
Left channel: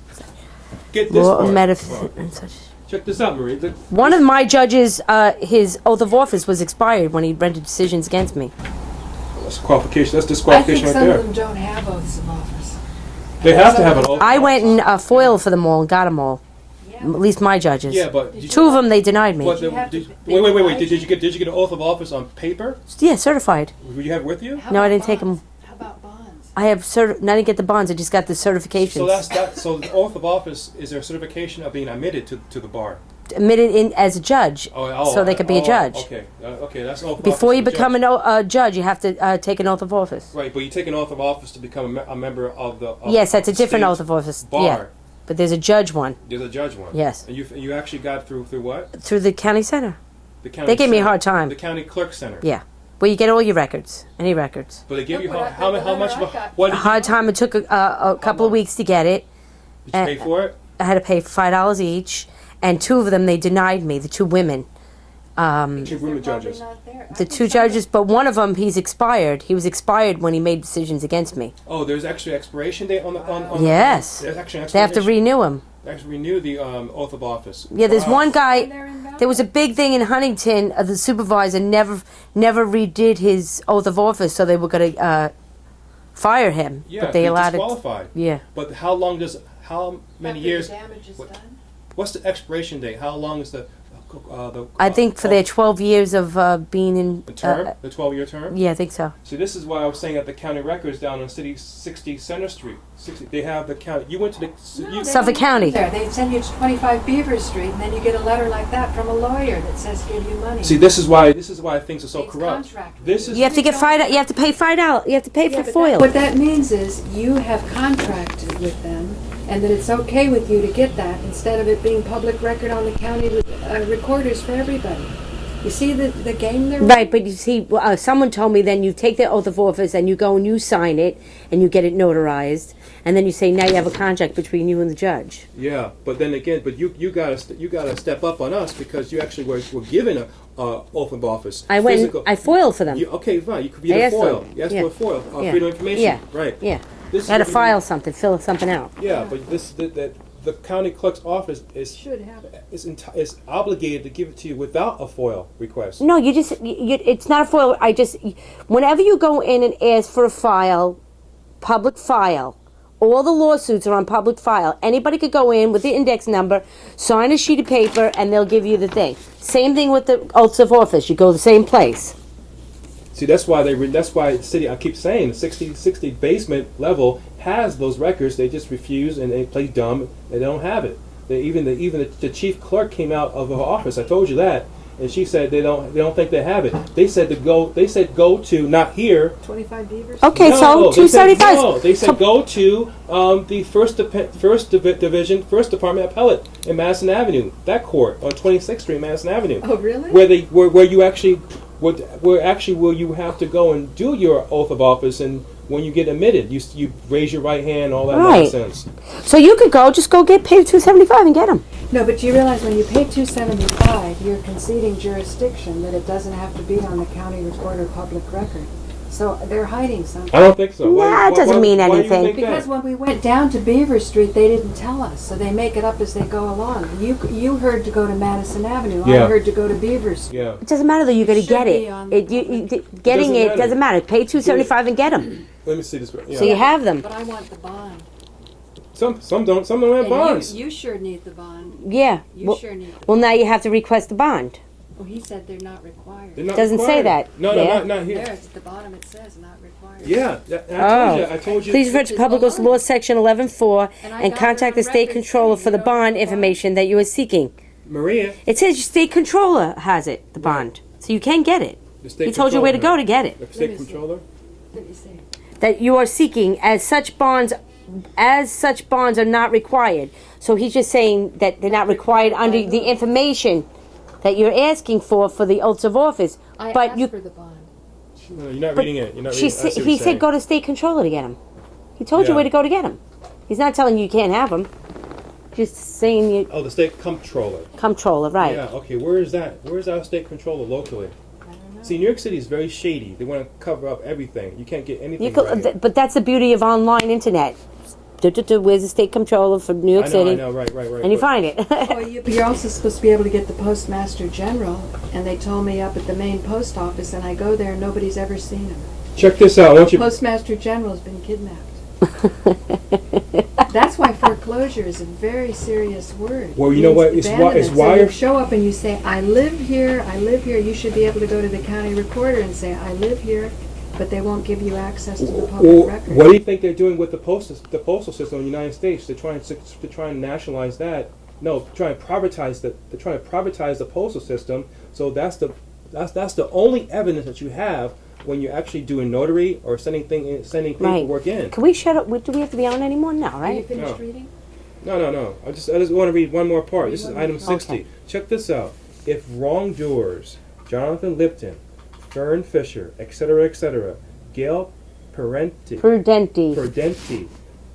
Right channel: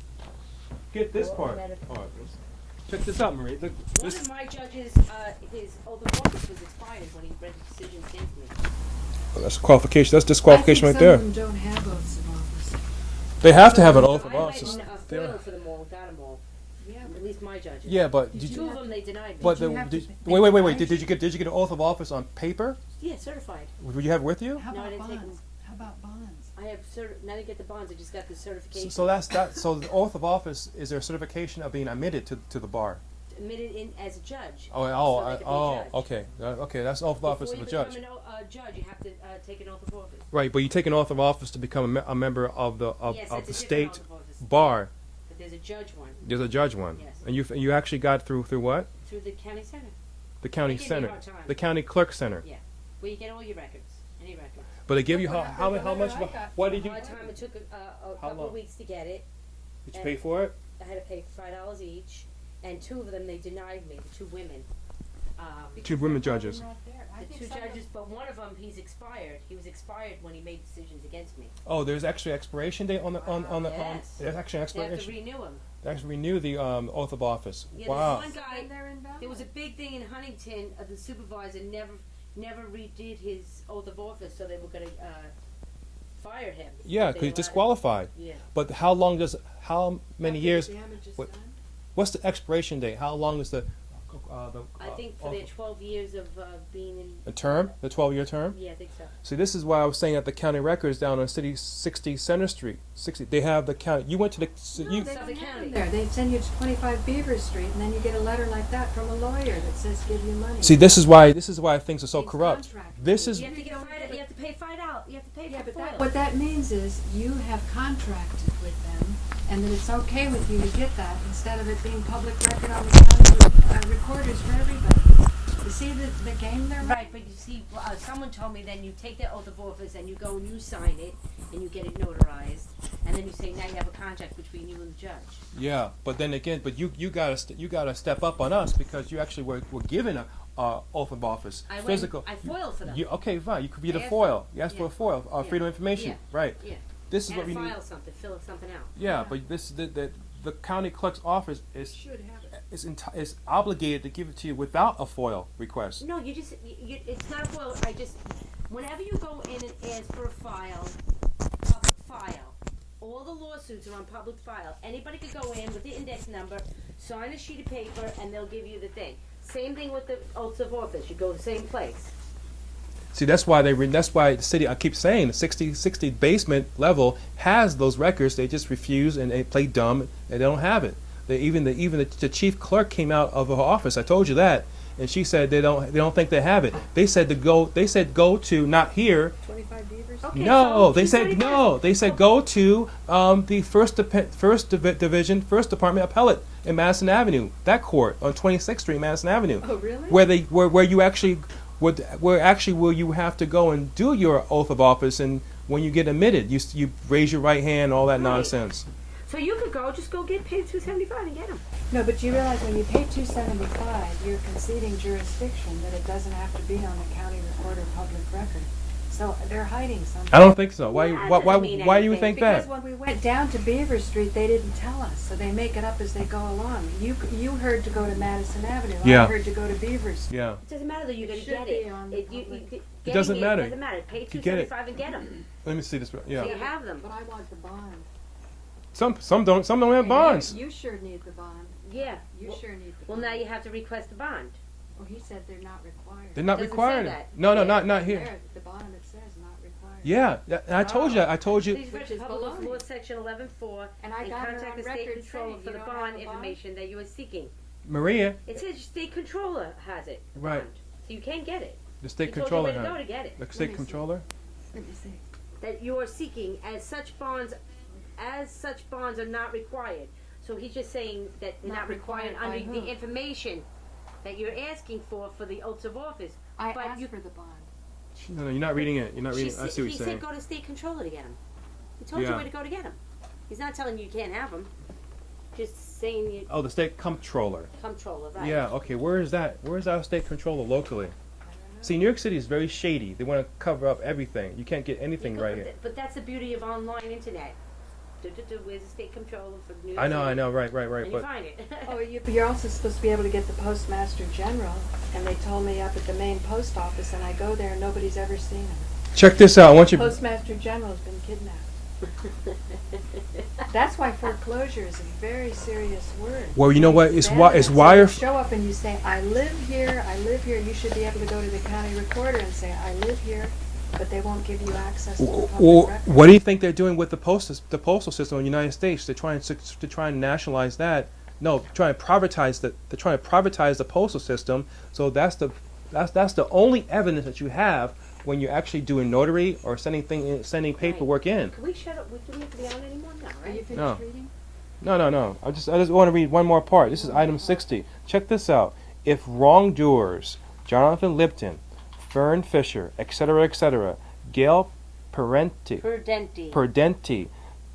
Get this law or part. metaphysics and such. Check this out, Marie. One of my judges, his oath of office was expired when he rendered decisions against me. That's qualification. That's I think disqualification right some there. of them don't have oaths of office. They have to have an oath. I went and foiled for them all and got them all. Yeah. At least my judges. Yeah, but Two of them they denied me. But You have to- wait. Did you get an oath of office on paper? Yeah, certified. Would you have with you? How No, I about didn't take bonds? 'em. How about bonds? I have I didn't get the bonds. I just got the certifications. So that's that. So the oath of office is their certification of being admitted to the bar. Admitted in as a judge, so they could be a judge. Okay, okay, that's oath of Before office you for become judge. a judge, you have to take an oath of office. Right, but you take an oath of office to become a member of the. Yes, that's a the different state oath of office. Bar. Yeah, but there's a judge one There's a judge one. Yes. And you actually got through what? through the county center. The county. They gave me a center. hard time. The county clerk center. Yeah, where you get all your records, any records. But they give you Look what how much of a I got. what A did you, hard time. It took a couple of weeks to get it. did you pay for it? I had to pay $5 each, and two of them they denied me. The two women. Two They're women probably judges. not there. I The think two some of judges, but one of them, he's expired. He was expired when he made decisions against me. Oh, there's actually expiration date on the. Yes. There's actually They have to expiration. renew him. Actually renew the oath of office. Yeah, there's Wow. one guy. they're invalid. There was a big thing in Huntington. The supervisor never redid his oath of office, so they were going to fire him. Yeah, but they you're allowed it. disqualified. Yeah. But how many After years? the damage is done? What's the expiration date? How long is the? I think for their 12 years of being in. the term, the 12-year term. Yeah, I think so. See, this is why I was saying at the county records down on 60 Center Street. 60. They have the county. You went to the. No, you, they Suffolk don't County. There, they send you to 25 Beaver Street, and then you get a letter like that from a lawyer that says give you money. see, this is why things are so It's corrupt. contract. This is. You have to get $5. You have to pay $5. You have to pay Yeah, for but foil. what that means is you have contracted with them, and that it's okay with you to get that instead of it being public record on the county recorders for everybody. You see the game there? Right, but you see, someone told me then you take their oath of office and you go and you sign it and you get it notarized, and then you say now you have a contract between you and the judge. Yeah, but then again, you gotta step up on us because you actually were given a oath of office. I went. Physical. I foiled for them. Okay, fine. You could be I a asked foil. them. You asked Yeah. for a foil. Yeah. Freedom of information. Yeah. Right. Yeah. This is I had to what we- file something, fill something out. Yeah, but the county clerk's office Should have it. is obligated to give it to you without a FOIL request. No, it's not a foil. Whenever you go in and ask for a file, public file, all the lawsuits are on public file. Anybody could go in with the index number, sign a sheet of paper, and they'll give you the thing. Same thing with the oaths of office. You go to the same place. See, that's why the city. I keep saying the 60 basement level has those records. They just refuse and they play dumb and they don't have it. Even the chief clerk came out of her office. I told you that, and she said they don't think they have it. They said go to not here. 25 Beaver Street? Okay, No, so they said 275. no. They said So- go to the first division, first department appellate in Madison Avenue. That court on 26th Street, Madison Avenue. Oh, really? Where you actually where you have to go and do your oath of office, and when you get admitted, you raise your right hand, all that Right. nonsense. So you could just go get paid $275 and get them. No, but you realize when you pay $275, you're conceding jurisdiction that it doesn't have to be on the county recorder public record. So they're hiding something. I don't think so. Nah, it doesn't mean why do you anything. think Because that? when we went down to Beaver Street, they didn't tell us, so they make it up as they go along. You heard to go to Madison Avenue. Yeah. I heard to go to Beaver Street. Yeah. It doesn't matter though. You got to should get be it. on- Getting Doesn't it matter. doesn't matter. Pay $2.75 and get them. Let me see this. Yeah. So you have them. But I want the bond. Some don't have And bonds. You sure need the bond. Yeah. You Well, sure need the well, now you have to request the bond. Well, he said they're not required. They're not Doesn't say required. that. No, Yeah. not here. There, at the bottom it says not required. Yeah, I told you. Please refer to Public Works Law Section 11.4 And I and got contact it the on state record controller saying for the you don't bond have a bond. information that you are seeking. Maria, It says your state controller has it, the bond, so you can get it. the state He told you where to go to get it. The state controller. Let me see. That you are seeking as such bonds are not required. So he's just saying that they're not required under the information that you're asking for the oaths of office. I But asked you, for the bond. No, you're not but reading it. You're not she reading it. I see what he you're said saying. go to state controller to get them. He told you Yeah. where to go to get them. He's not telling you can't have them. Just saying you Oh, the state comptroller. controller, right? Yeah. Okay. Where is that? Where's our state controller locally? See, New York City is very shady. They want to cover up everything. You can't get anything You could, right. but that's the beauty of online internet. Where's the state controller for New York City? I know. Right. And you but- find it. Oh, you're also supposed to be able to get the Postmaster General, and they told me up at the main post office, and I go there and nobody's ever seen him. Check this out. I want you. Postmaster General's been kidnapped. That's why foreclosure is a very serious word. Well, you know what? It's why. It's So why. you show up and you say, I live here, you should be able to go to the county recorder and say, I live here, but they won't give you access to the Well, public record. what do you think they're doing with the postal system in the United States? They're trying to nationalize that. No, trying to privatize the. They're trying to privatize the postal system. So that's the only evidence that you have when you're actually doing notary or sending paperwork in. Can we shut up? Do we have to be on anymore? No, Are you right? finished No. reading? No. I just want to read one more part. This is item Okay. 60. Check this out. If wrongdoers, Jonathan Lipton, Fern Fisher, etc., Gail Prudenti,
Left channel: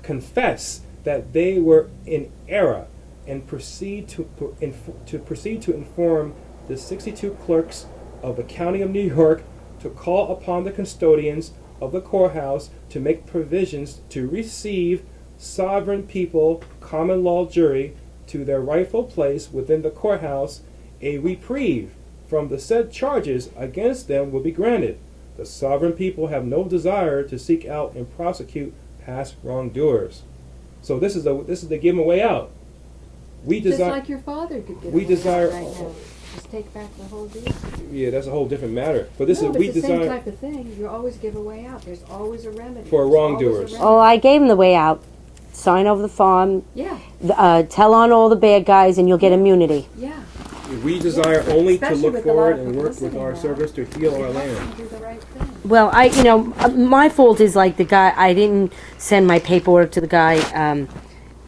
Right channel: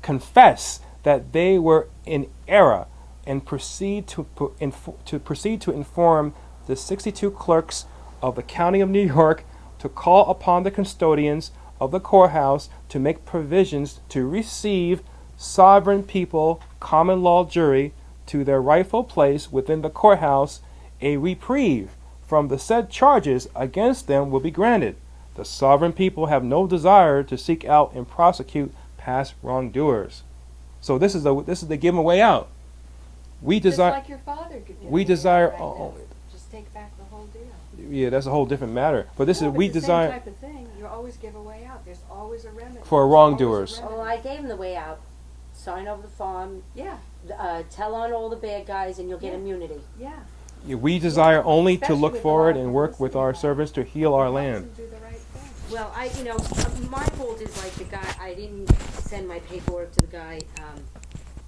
confess that they were in error and proceed to inform the 62 clerks of the County of New York to call upon the custodians of the courthouse to make provisions to receive sovereign people common law jury to their rightful place within the courthouse, a reprieve from the said charges against them will be granted. The sovereign people have no desire to seek out and prosecute past wrongdoers. So this is the give 'em a way out. We Just desire. like your father could get we away desire- right now. Just take back the whole deal. Yeah, that's a whole different matter. But this No, is but we it's the desire. same type of thing. You always give a way out. There's always a remedy. For There's wrongdoers. always a Oh, remedy. I gave him the way out. Sign over the farm. Yeah, Tell on all the bad guys, and you'll get immunity. yeah. We desire only to Especially look with the forward lot of and work with publicity our now. service to heal our land. You do the right thing. Well, my fault is like the guy. I didn't send my paperwork to the guy,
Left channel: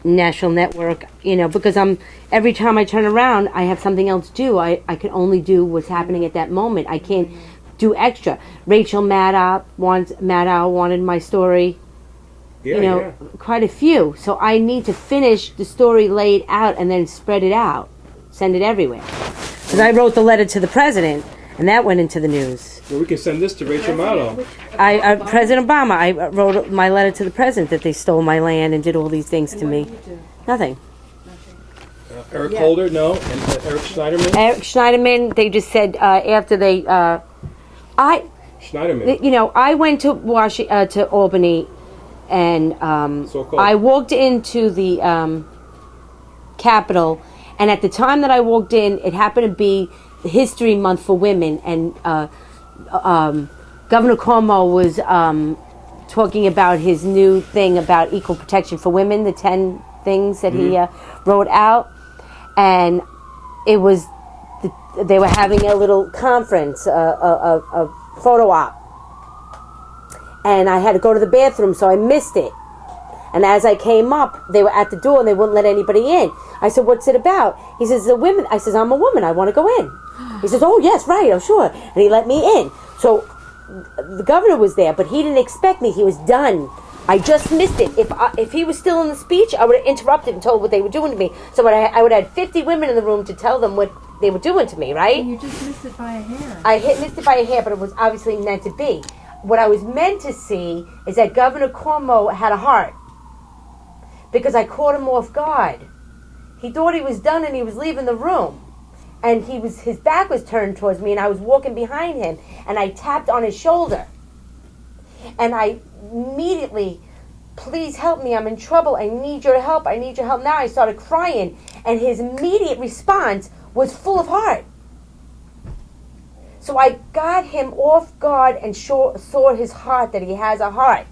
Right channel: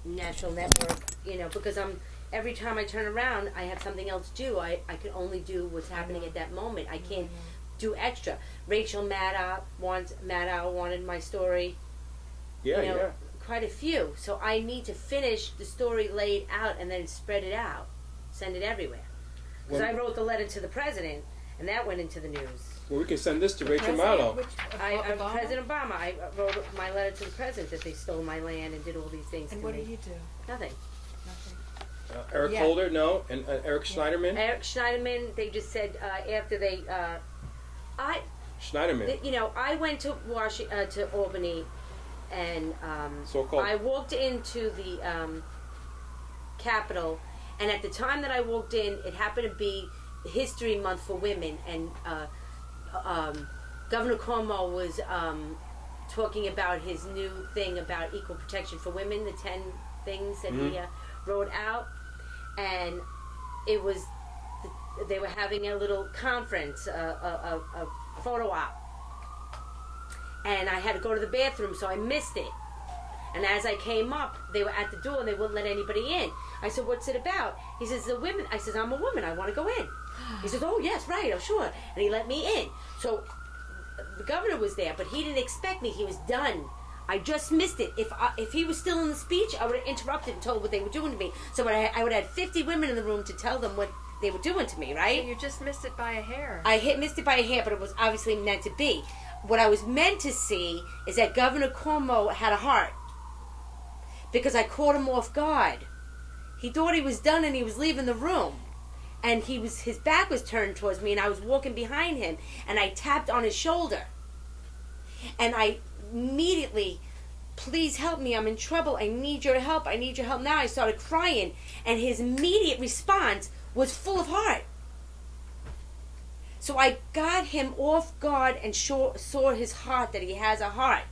National Network. Because every time I turn around, I have something else to do. I can only do what's happening at that moment. I can't do extra. Rachel Maddow wanted my story. Quite a few. So I need to finish the story laid out and then spread it out, send it everywhere. Because I wrote the letter to the president, and that went into the news. Well, we can send this to Rachel Maddow. President Obama, I wrote my letter to the president that they stole my land and did all these things to And me. what did you do? Nothing. Eric Yeah. Holder, no, and Eric Schneiderman. Eric Schneiderman, they just said after they, Schneiderman. I went to to Albany, and So-called. I walked into the Capitol, and at the time that I walked in, it happened to be History Month for women, and Governor Cuomo was talking about his new thing about equal protection for women, the 10 things that he wrote out, and it was they were having a little conference, a photo op, and I had to go to the bathroom, so I missed it. And as I came up, they were at the door and they wouldn't let anybody in. I said, "What's it about?" He says, "The women." I says, "I'm a woman. I want to go in." He says, "Oh yes, right. Oh sure." And he let me in. So the governor was there, but he didn't expect me. He was done. I just missed it. If he was still in the speech, I would have interrupted and told what they were doing to me. So I would have had 50 women in the room to tell them what they were doing to me. Right? You just missed it by a hair. I missed it by a hair, but it was obviously meant to be. what I was meant to see is that Governor Cuomo had a heart, because I caught him off guard. He thought he was done and he was leaving the room. And his back was turned towards me, and I was walking behind him, and I tapped on his shoulder. And I immediately, please help me, I'm in trouble, I need your help, I need your help now. I started crying, and his immediate response was full of heart. So I got him off guard and saw his heart, that he has a heart.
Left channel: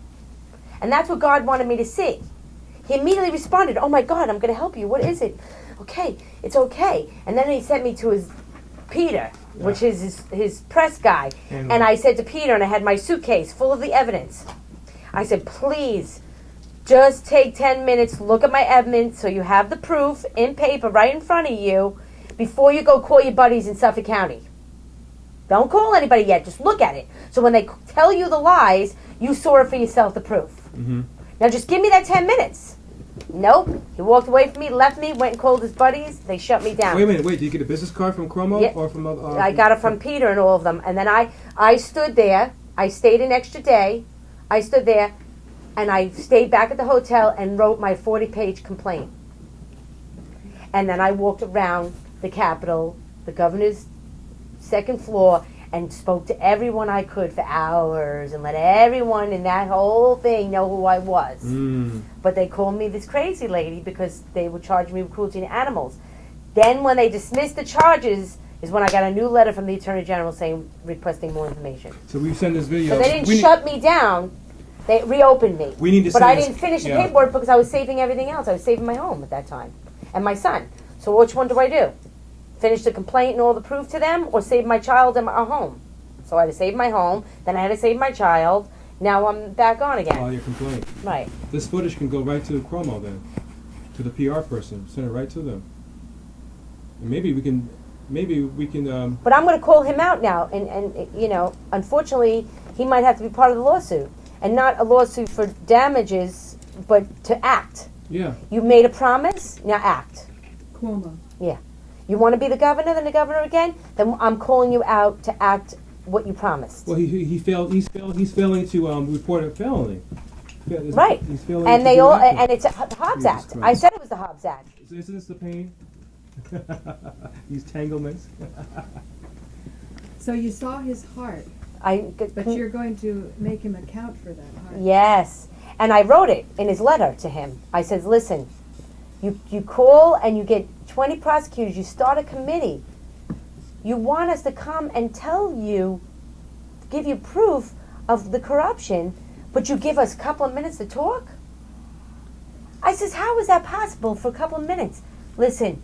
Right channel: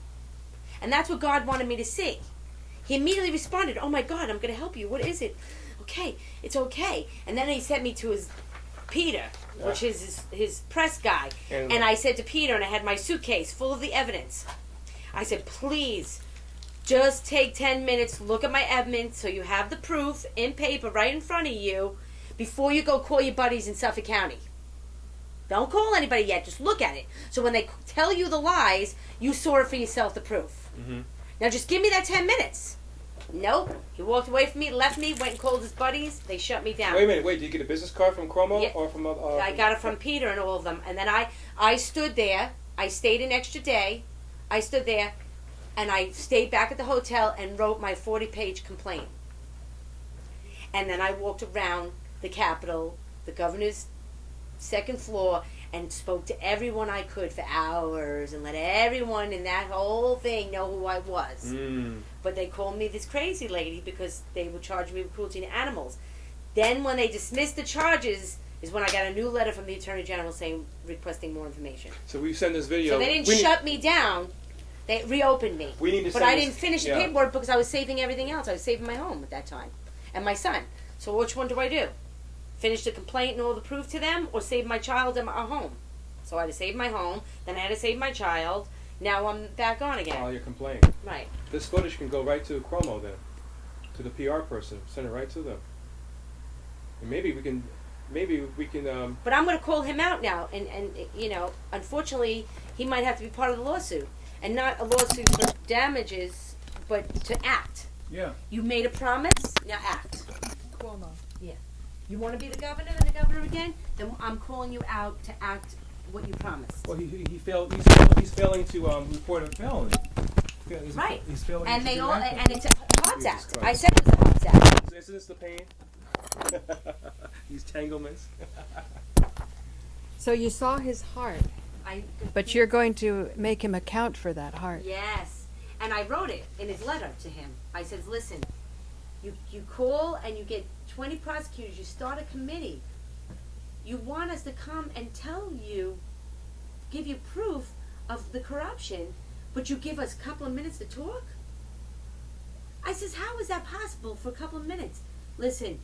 And that's what God wanted me to see. He immediately responded, oh my God, I'm going to help you. What is it? Okay, it's okay. And then he sent me to his Peter, which is his press guy. And I said to Peter, and I had my suitcase full of the evidence. I said, please, just take 10 minutes, look at my evidence so you have the proof in paper right in front of you before you go call your buddies in Suffolk County. Don't call anybody yet, just look at it. So when they tell you the lies, you saw it for yourself, the proof. Mm-hmm. Now just give me that 10 minutes. Nope. He walked away from me, left me, went and called his buddies. They shut me down. Wait a minute. Wait, did you get a business card from Cuomo? Yeah. Or from I got it from Peter and all of them. And then I stood there. I stayed an extra day. I stood there, and I stayed back at the hotel and wrote my 40-page complaint. And then I walked around the Capitol, the governor's second floor, and spoke to everyone I could for hours and let everyone in that whole thing know who I was. Mm. But they called me this crazy lady because they were charging me with cruelty to animals. Then when they dismissed the charges is when I got a new letter from the Attorney General requesting more information. So we send this video. So they didn't shut me down. They reopened me. We need to but send I this- didn't finish the yeah. paperwork because I was saving everything else. I was saving my home at that time and my son. So which one do I do? Finish the complaint and all the proof to them, or save my child and our home? So I had to save my home, then I had to save my child. Now I'm back on again. File your complaint. Right. This footage can go right to Cuomo then, to the PR person. Send it right to them. And maybe we can. But I'm going to call him out now, and you know, unfortunately, he might have to be part of the lawsuit, and not a lawsuit for damages, but to act. Yeah. You made a promise, now act. Cuomo. Yeah. You want to be the governor, then the governor again? Then I'm calling you out to act what you promised. Well, he failed. He's failing to report a felony. Right. He's failing And to they do all, acting. and it's a Hobbs Jesus Act. Christ. I said it was a Hobbs Act. Isn't this the pain? These tanglements. So you saw his heart, But but you're going to make him account for that heart. Yes. And I wrote it in his letter to him. I said, listen, you call and you get 20 prosecutors. You start a committee. You want us to come and tell you, give you proof of the corruption, but you give us a couple of minutes to talk? I says, how is that possible for a couple of minutes? Listen,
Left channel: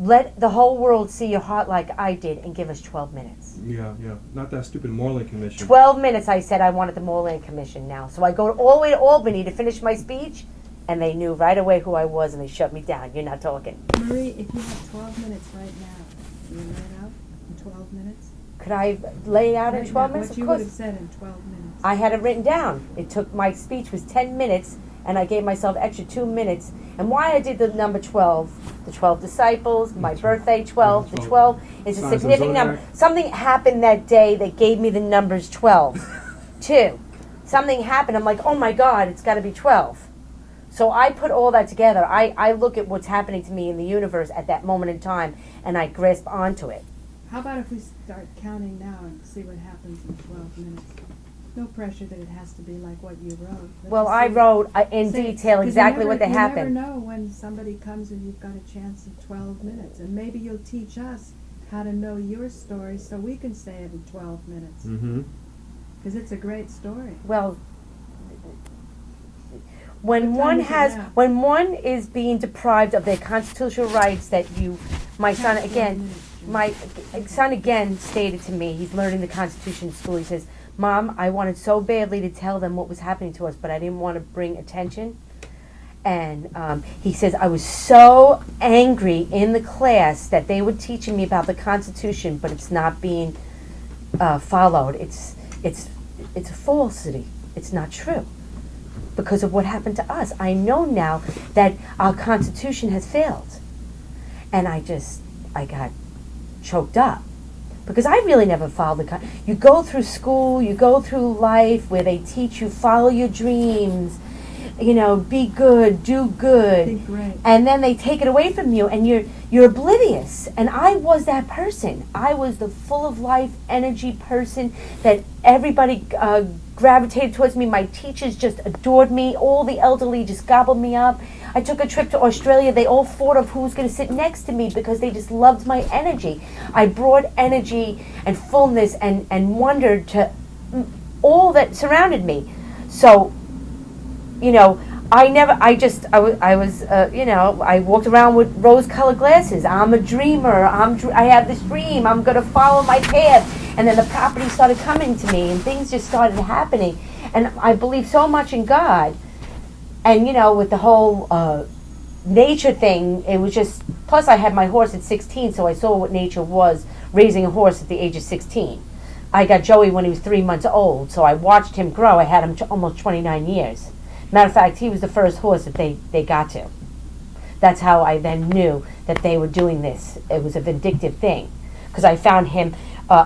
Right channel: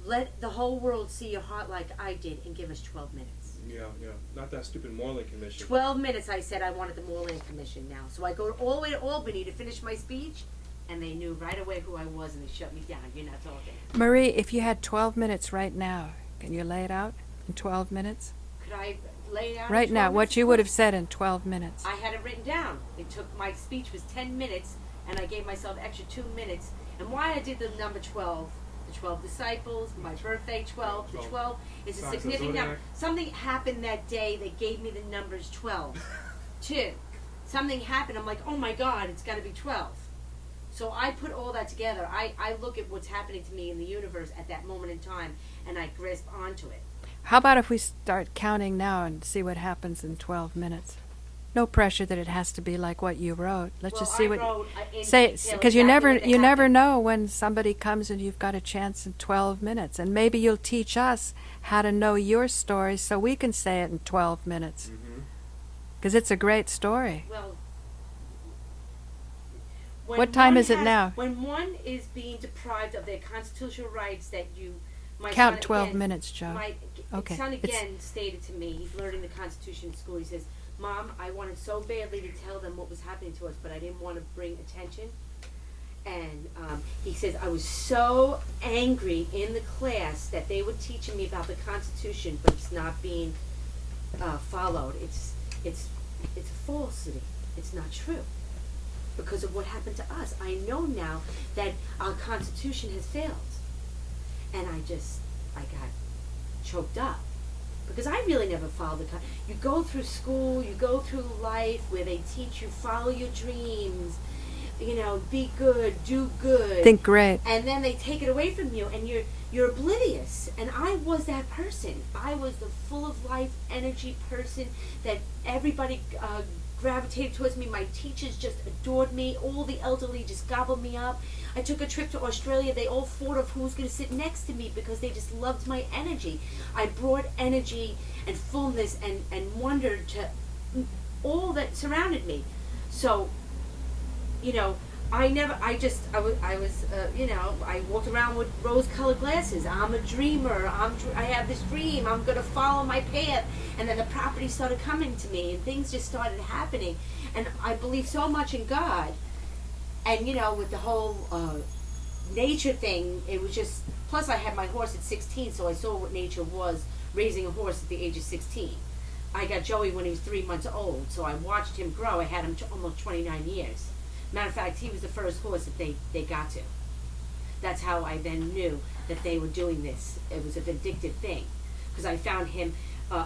let the whole world see your heart like I did and give us 12 minutes. Yeah. Not that stupid Moreland Commission. 12 minutes, I said I wanted the Moreland Commission now. So I go all the way to Albany to finish my speech, and they knew right away who I was, and they shut me down. You're not talking. Marie, if you had 12 minutes right now, can you lay it out in 12 minutes? Could I lay it out Right in 12 now, minutes? what Of you would have course. said in 12 minutes. I had it written down. It took, my speech was 10 minutes, and I gave myself extra 2 minutes. And why I did the number 12, the 12 disciples, my birthday 12, the 12 is a Signs of significant number. zodiac. Something happened that day that gave me the numbers 12. 2. Something happened, I'm like, oh my God, it's got to be 12. So I put all that together. I look at what's happening to me in the universe at that moment in time, and I grasp onto it. How about if we start counting now and see what happens in 12 minutes? No pressure that it has to be like what you wrote. Let's Well, just see I what- wrote in Say- detail 'cause exactly what you never happened. know when somebody comes and you've got a chance in 12 minutes. And maybe you'll teach us how to know your story so we can say it in 12 minutes. Mm-hmm. Because it's a great story. Well, when What time one is it has, now? when one is being deprived of their constitutional rights, that you, my Count son 12 again, minutes, Joe. my Okay. son again stated to me, he's learning the Constitution in school. He says, "Mom, I wanted so badly to tell them what was happening to us, but I didn't want to bring attention." And he says, I was so angry in the class that they were teaching me about the Constitution, but it's not being followed. It's a falsity. It's not true because of what happened to us. I know now that our Constitution has failed. And I got choked up. Because I really never followed you go through school, you go through life where they teach you follow your dreams, be good, do good. Think great. And then they take it away from you and you're oblivious. And I was that person. I was the full of life energy person that everybody gravitated towards me. My teachers just adored me. All the elderly just gobbled me up. I took a trip to Australia. They all fought of who was going to sit next to me because they just loved my energy. I brought energy and fullness and wonder to all that surrounded me. So, I walked around with rose-colored glasses. I'm a dreamer. I have this dream. I'm going to follow my path. And then the property started coming to me and things just started happening. And I believe so much in God. And, with the whole nature thing, it was just, plus I had my horse at 16, so I saw what nature was, raising a horse at the age of 16. I got Joey when he was 3 months old, so I watched him grow. I had him almost 29 years. Matter of fact, he was the first horse that they got to. That's how I then knew that they were doing this. It was a vindictive thing. Because I found him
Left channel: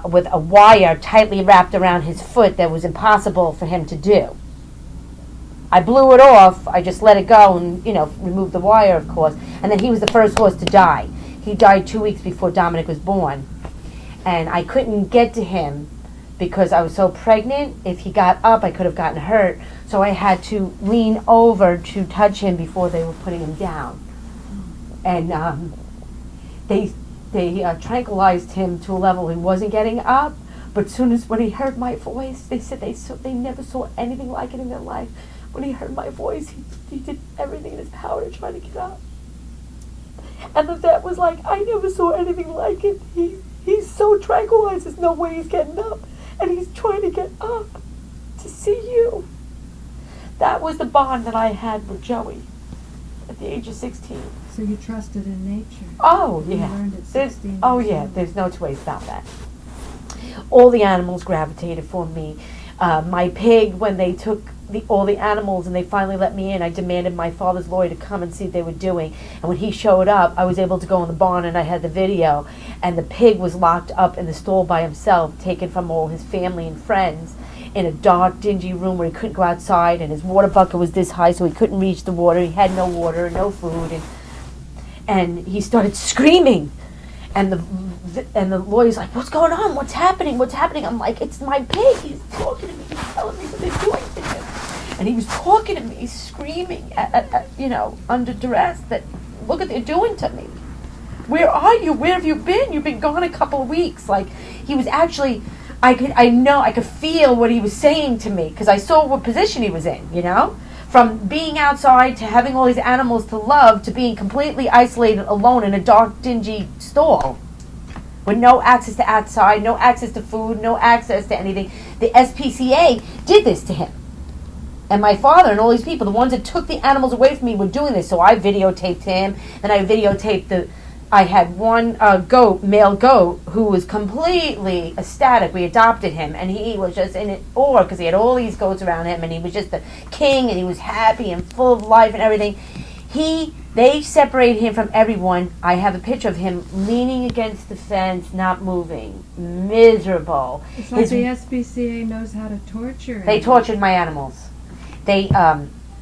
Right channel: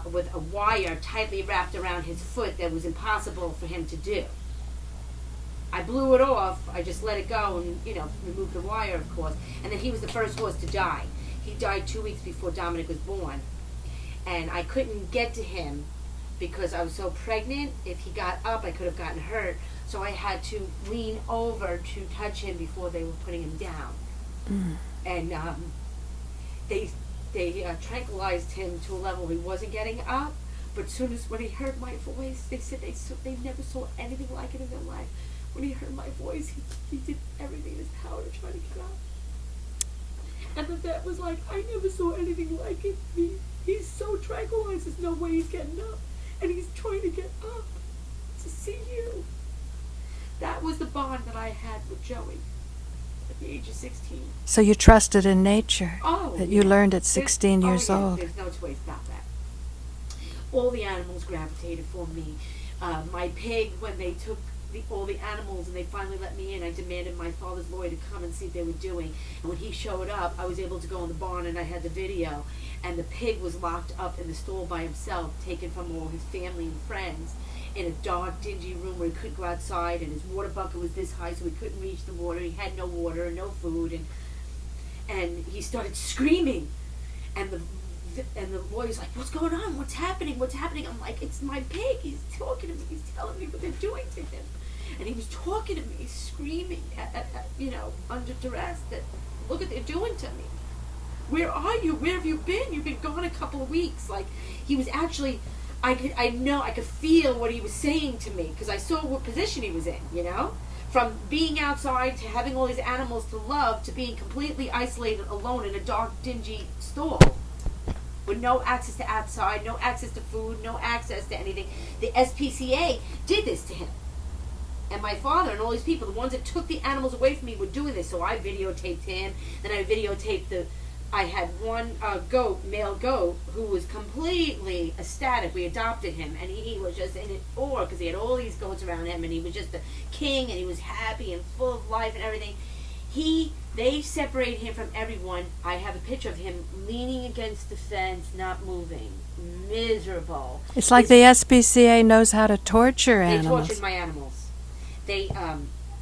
with a wire tightly wrapped around his foot that was impossible for him to do. I blew it off. I just let it go and, removed the wire, of course. And then he was the first horse to die. He died 2 weeks before Dominic was born. And I couldn't get to him because I was so pregnant. If he got up, I could have gotten hurt. So I had to lean over to touch him before they were putting him down. And they tranquilized him to a level he wasn't getting up. But as soon as when he heard my voice, they said they never saw anything like it in their life. When he heard my voice, he did everything in his power to try to get up. And the vet was like, I never saw anything like it. He's so tranquilized, there's no way he's getting up. And he's trying to get up to see you. That was the bond that I had with Joey at the age of 16. So you trusted in nature. Oh, that you learned at 16 years years old. There's no two ways about that. All the animals gravitated for me. My pig, when they took all the animals and they finally let me in, I demanded my father's lawyer to come and see what they were doing. And when he showed up, I was able to go in the barn and I had the video. And the pig was locked up in the stall by himself, taken from all his family and friends, in a dark, dingy room where he couldn't go outside, and his water bucket was this high so he couldn't reach the water. He had no water, no food, and he started screaming. And the lawyer's like, what's going on? What's happening? What's happening? I'm like, it's my pig. He's talking to me. He's telling me what they're doing to him. And he was talking to me, screaming, under duress that, look what they're doing to me. Where are you? Where have you been? You've been gone a couple of weeks. Like, he was actually, I could feel what he was saying to me because I saw what position he was in, From being outside to having all these animals to love to being completely isolated alone in a dark, dingy stall with no access to outside, no access to food, no access to anything. The SPCA did this to him. And my father and all these people, the ones that took the animals away from me, were doing this. So I videotaped him, then I videotaped I had one male goat, who was completely ecstatic. We adopted him, and he was just in awe because he had all these goats around him, and he was just the king, and he was happy and full of life and everything. They separated him from everyone. I have a picture of him leaning against the fence, not moving, miserable. It's like the SPCA knows how to torture animals. They tortured my animals.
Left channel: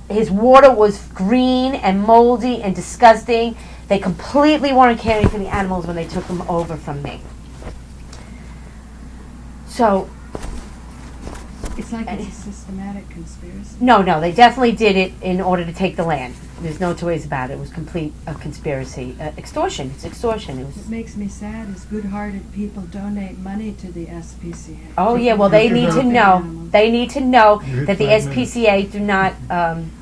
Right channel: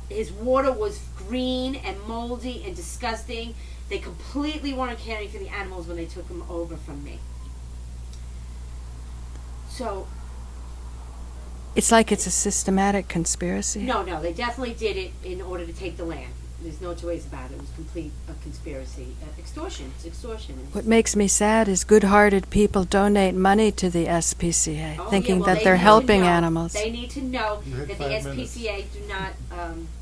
His water was green and moldy and disgusting. They completely weren't caring for the animals when they took them over from me. So, it's like it's a systematic conspiracy. No, they definitely did it in order to take the land. There's no two ways about it. It was complete conspiracy. Extortion. It's extortion. What makes me sad is good-hearted people donate money to the SPCA. Oh, thinking yeah, well, that they they're need to helping know. animals. They need to know You hit that the 5 SPCA do not...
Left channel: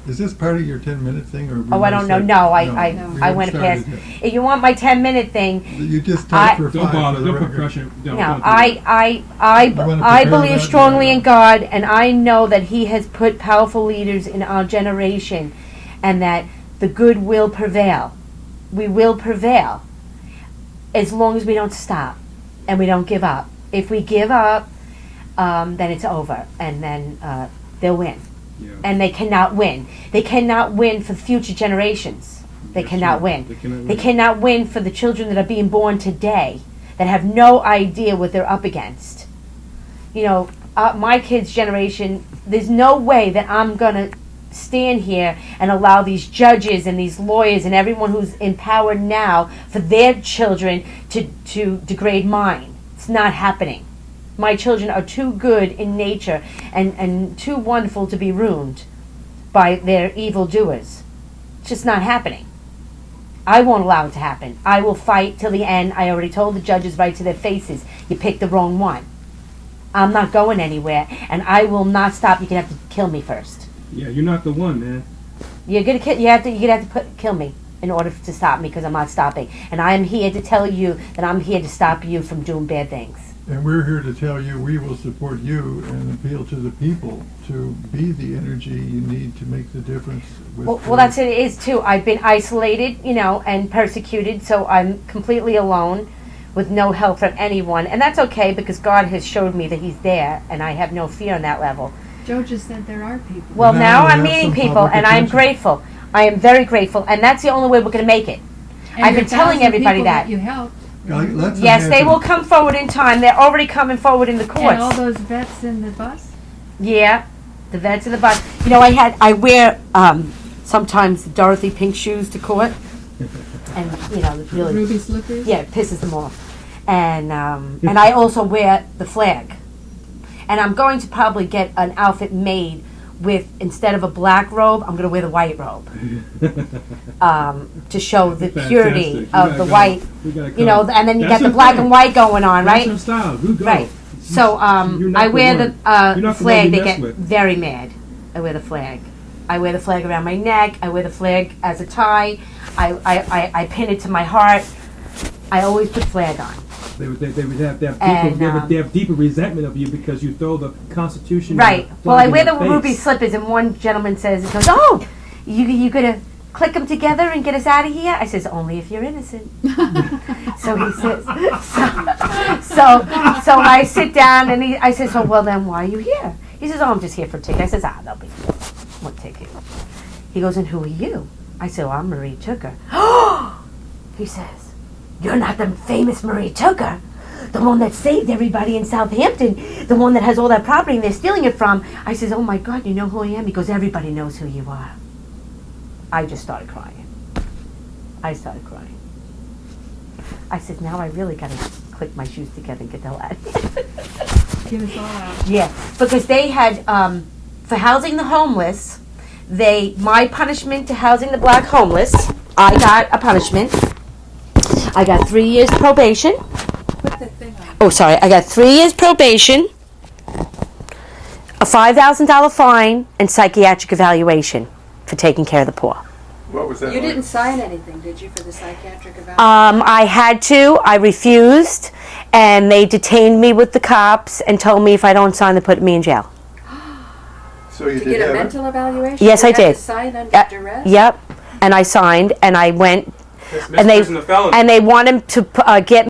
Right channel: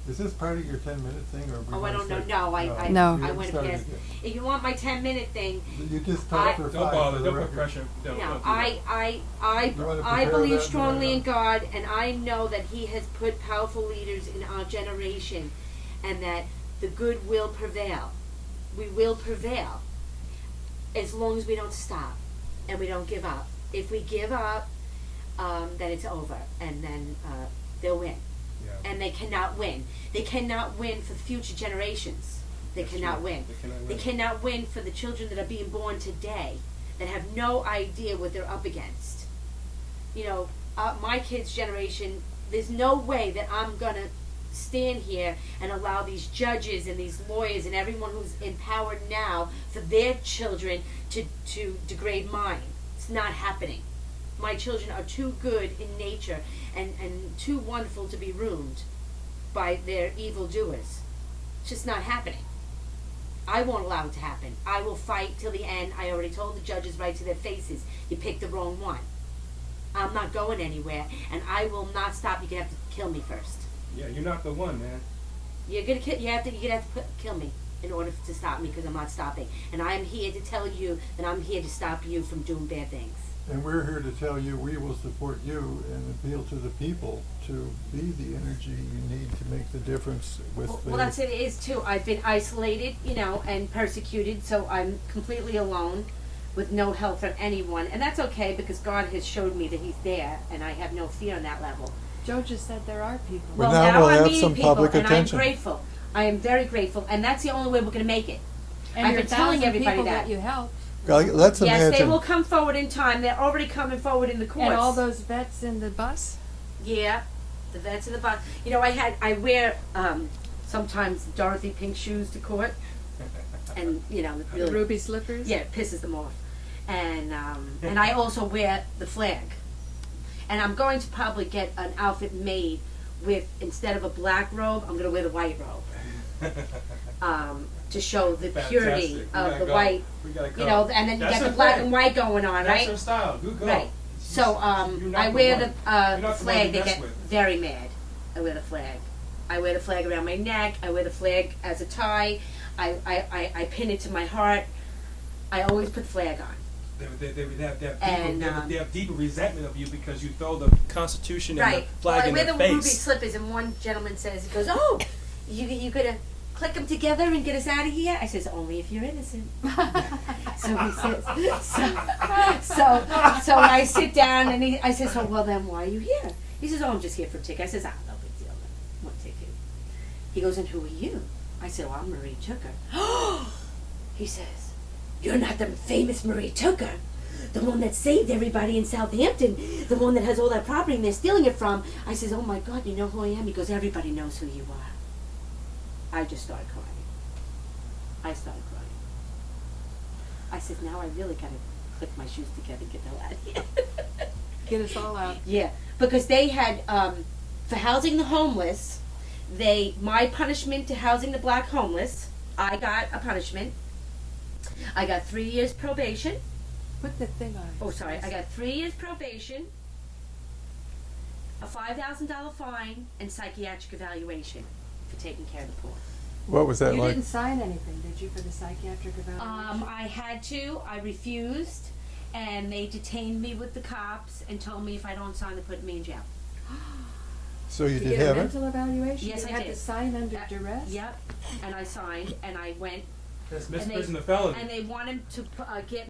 Is this part of your 10-minute thing? Or I don't know. No, I you went haven't past... started If you want my 10-minute thing... You just talked for 5 Don't bother. for the Don't put record. pressure. No, Don't do I wanna I prepare believe that? strongly in God, and I know that He has put powerful leaders in our generation, and that the good will prevail. We will prevail, as long as we don't stop and we don't give up. If we give up, then it's over, and then they'll win. Yeah. And they cannot win. They cannot win for future generations. They That's cannot true. win. They cannot They win. cannot win for the children that are being born today. that have no idea what they're up against. You know, my kids' generation, there's no way that I'm going to stand here and allow these judges and these lawyers and everyone who's in power now for their children to degrade mine. It's not happening. My children are too good in nature and too wonderful to be ruined by their evildoers. It's just not happening. I won't allow it to happen. I will fight till the end. I already told the judges right to their faces, you picked the wrong one. I'm not going anywhere, and I will not stop. You're gonna have to kill me first. Yeah, you're not the one, man. You're gonna kill. You're gonna have to kill me in order to stop me, because I'm not stopping. And I am here to tell you that I'm here to stop you from doing bad things. And we're here to tell you we will support you and appeal to the people to be the energy you need to make the difference. Well, that's it is too. I've been isolated, you know, and persecuted, so I'm completely alone with no help from anyone. And that's okay, because God has showed me that He's there, and I have no fear on that level. Joe just said there are people. Well, Now now we'll I'm have meeting some people, public and I'm attention. grateful. I am very grateful, and that's the only way we're going to make it. And I've the been telling 1,000 everybody people that. you helped, Let's Yes, they will come forward in time. They're already coming forward in the courts. and all those vets in the bus. Yeah, the vets in the bus. You know, I wear sometimes Dorothy pink shoes to court, and you know, it really, Ruby slippers. yeah, it pisses them off. And I also wear the flag, and I'm going to probably get an outfit made with, instead of a black robe, I'm going to wear the white robe to show the purity of the white. You know, and then you got the black and white going on, right? That's your style. You go. Right. So You're not I wear the the flag. you They mess get with. very mad. I wear the flag. I wear the flag around my neck. I wear the flag as a tie. I pin it to my heart. I always put flag on. They would have deeper, And, they have deeper resentment of you because you throw the Constitution. Right. and the Well, I flag wear in the their ruby face. slippers, and one gentleman says, he goes, "Oh, you gonna click them together and get us out of here?" I says, "Only if you're innocent." So he says, so I sit down, and I says, "Oh, well then, why are you here?" He says, "Oh, I'm just here for a ticket." I says, "They'll be one ticket." He goes, "And who are you?" I said, "Well, I'm Marie Tooker." He says, "You're not the famous Marie Tooker, the one that saved everybody in Southampton, the one that has all that property and they're stealing it from." I says, "Oh my God, you know who I am?" He goes, "Everybody knows who you are." I just started crying. I started crying. I said, "Now I really got to click my shoes together and get the hell out of here." Get us all out. Yeah, because they had, for housing the homeless, my punishment to housing the black homeless, I got a punishment. I got 3 years probation. Put the thing on. Oh, sorry. I got 3 years probation, a $5,000 fine, and psychiatric evaluation for taking care of the poor. What was that You like? didn't sign anything, did you, for the psychiatric evaluation? I had to. I refused, and they detained me with the cops and told me if I don't sign, they put me in jail. So you To did get a have mental evaluation? Yes, You I had to did. sign under duress? Yep. And I signed, and I went, That's and they prison a felony. and they wanted to get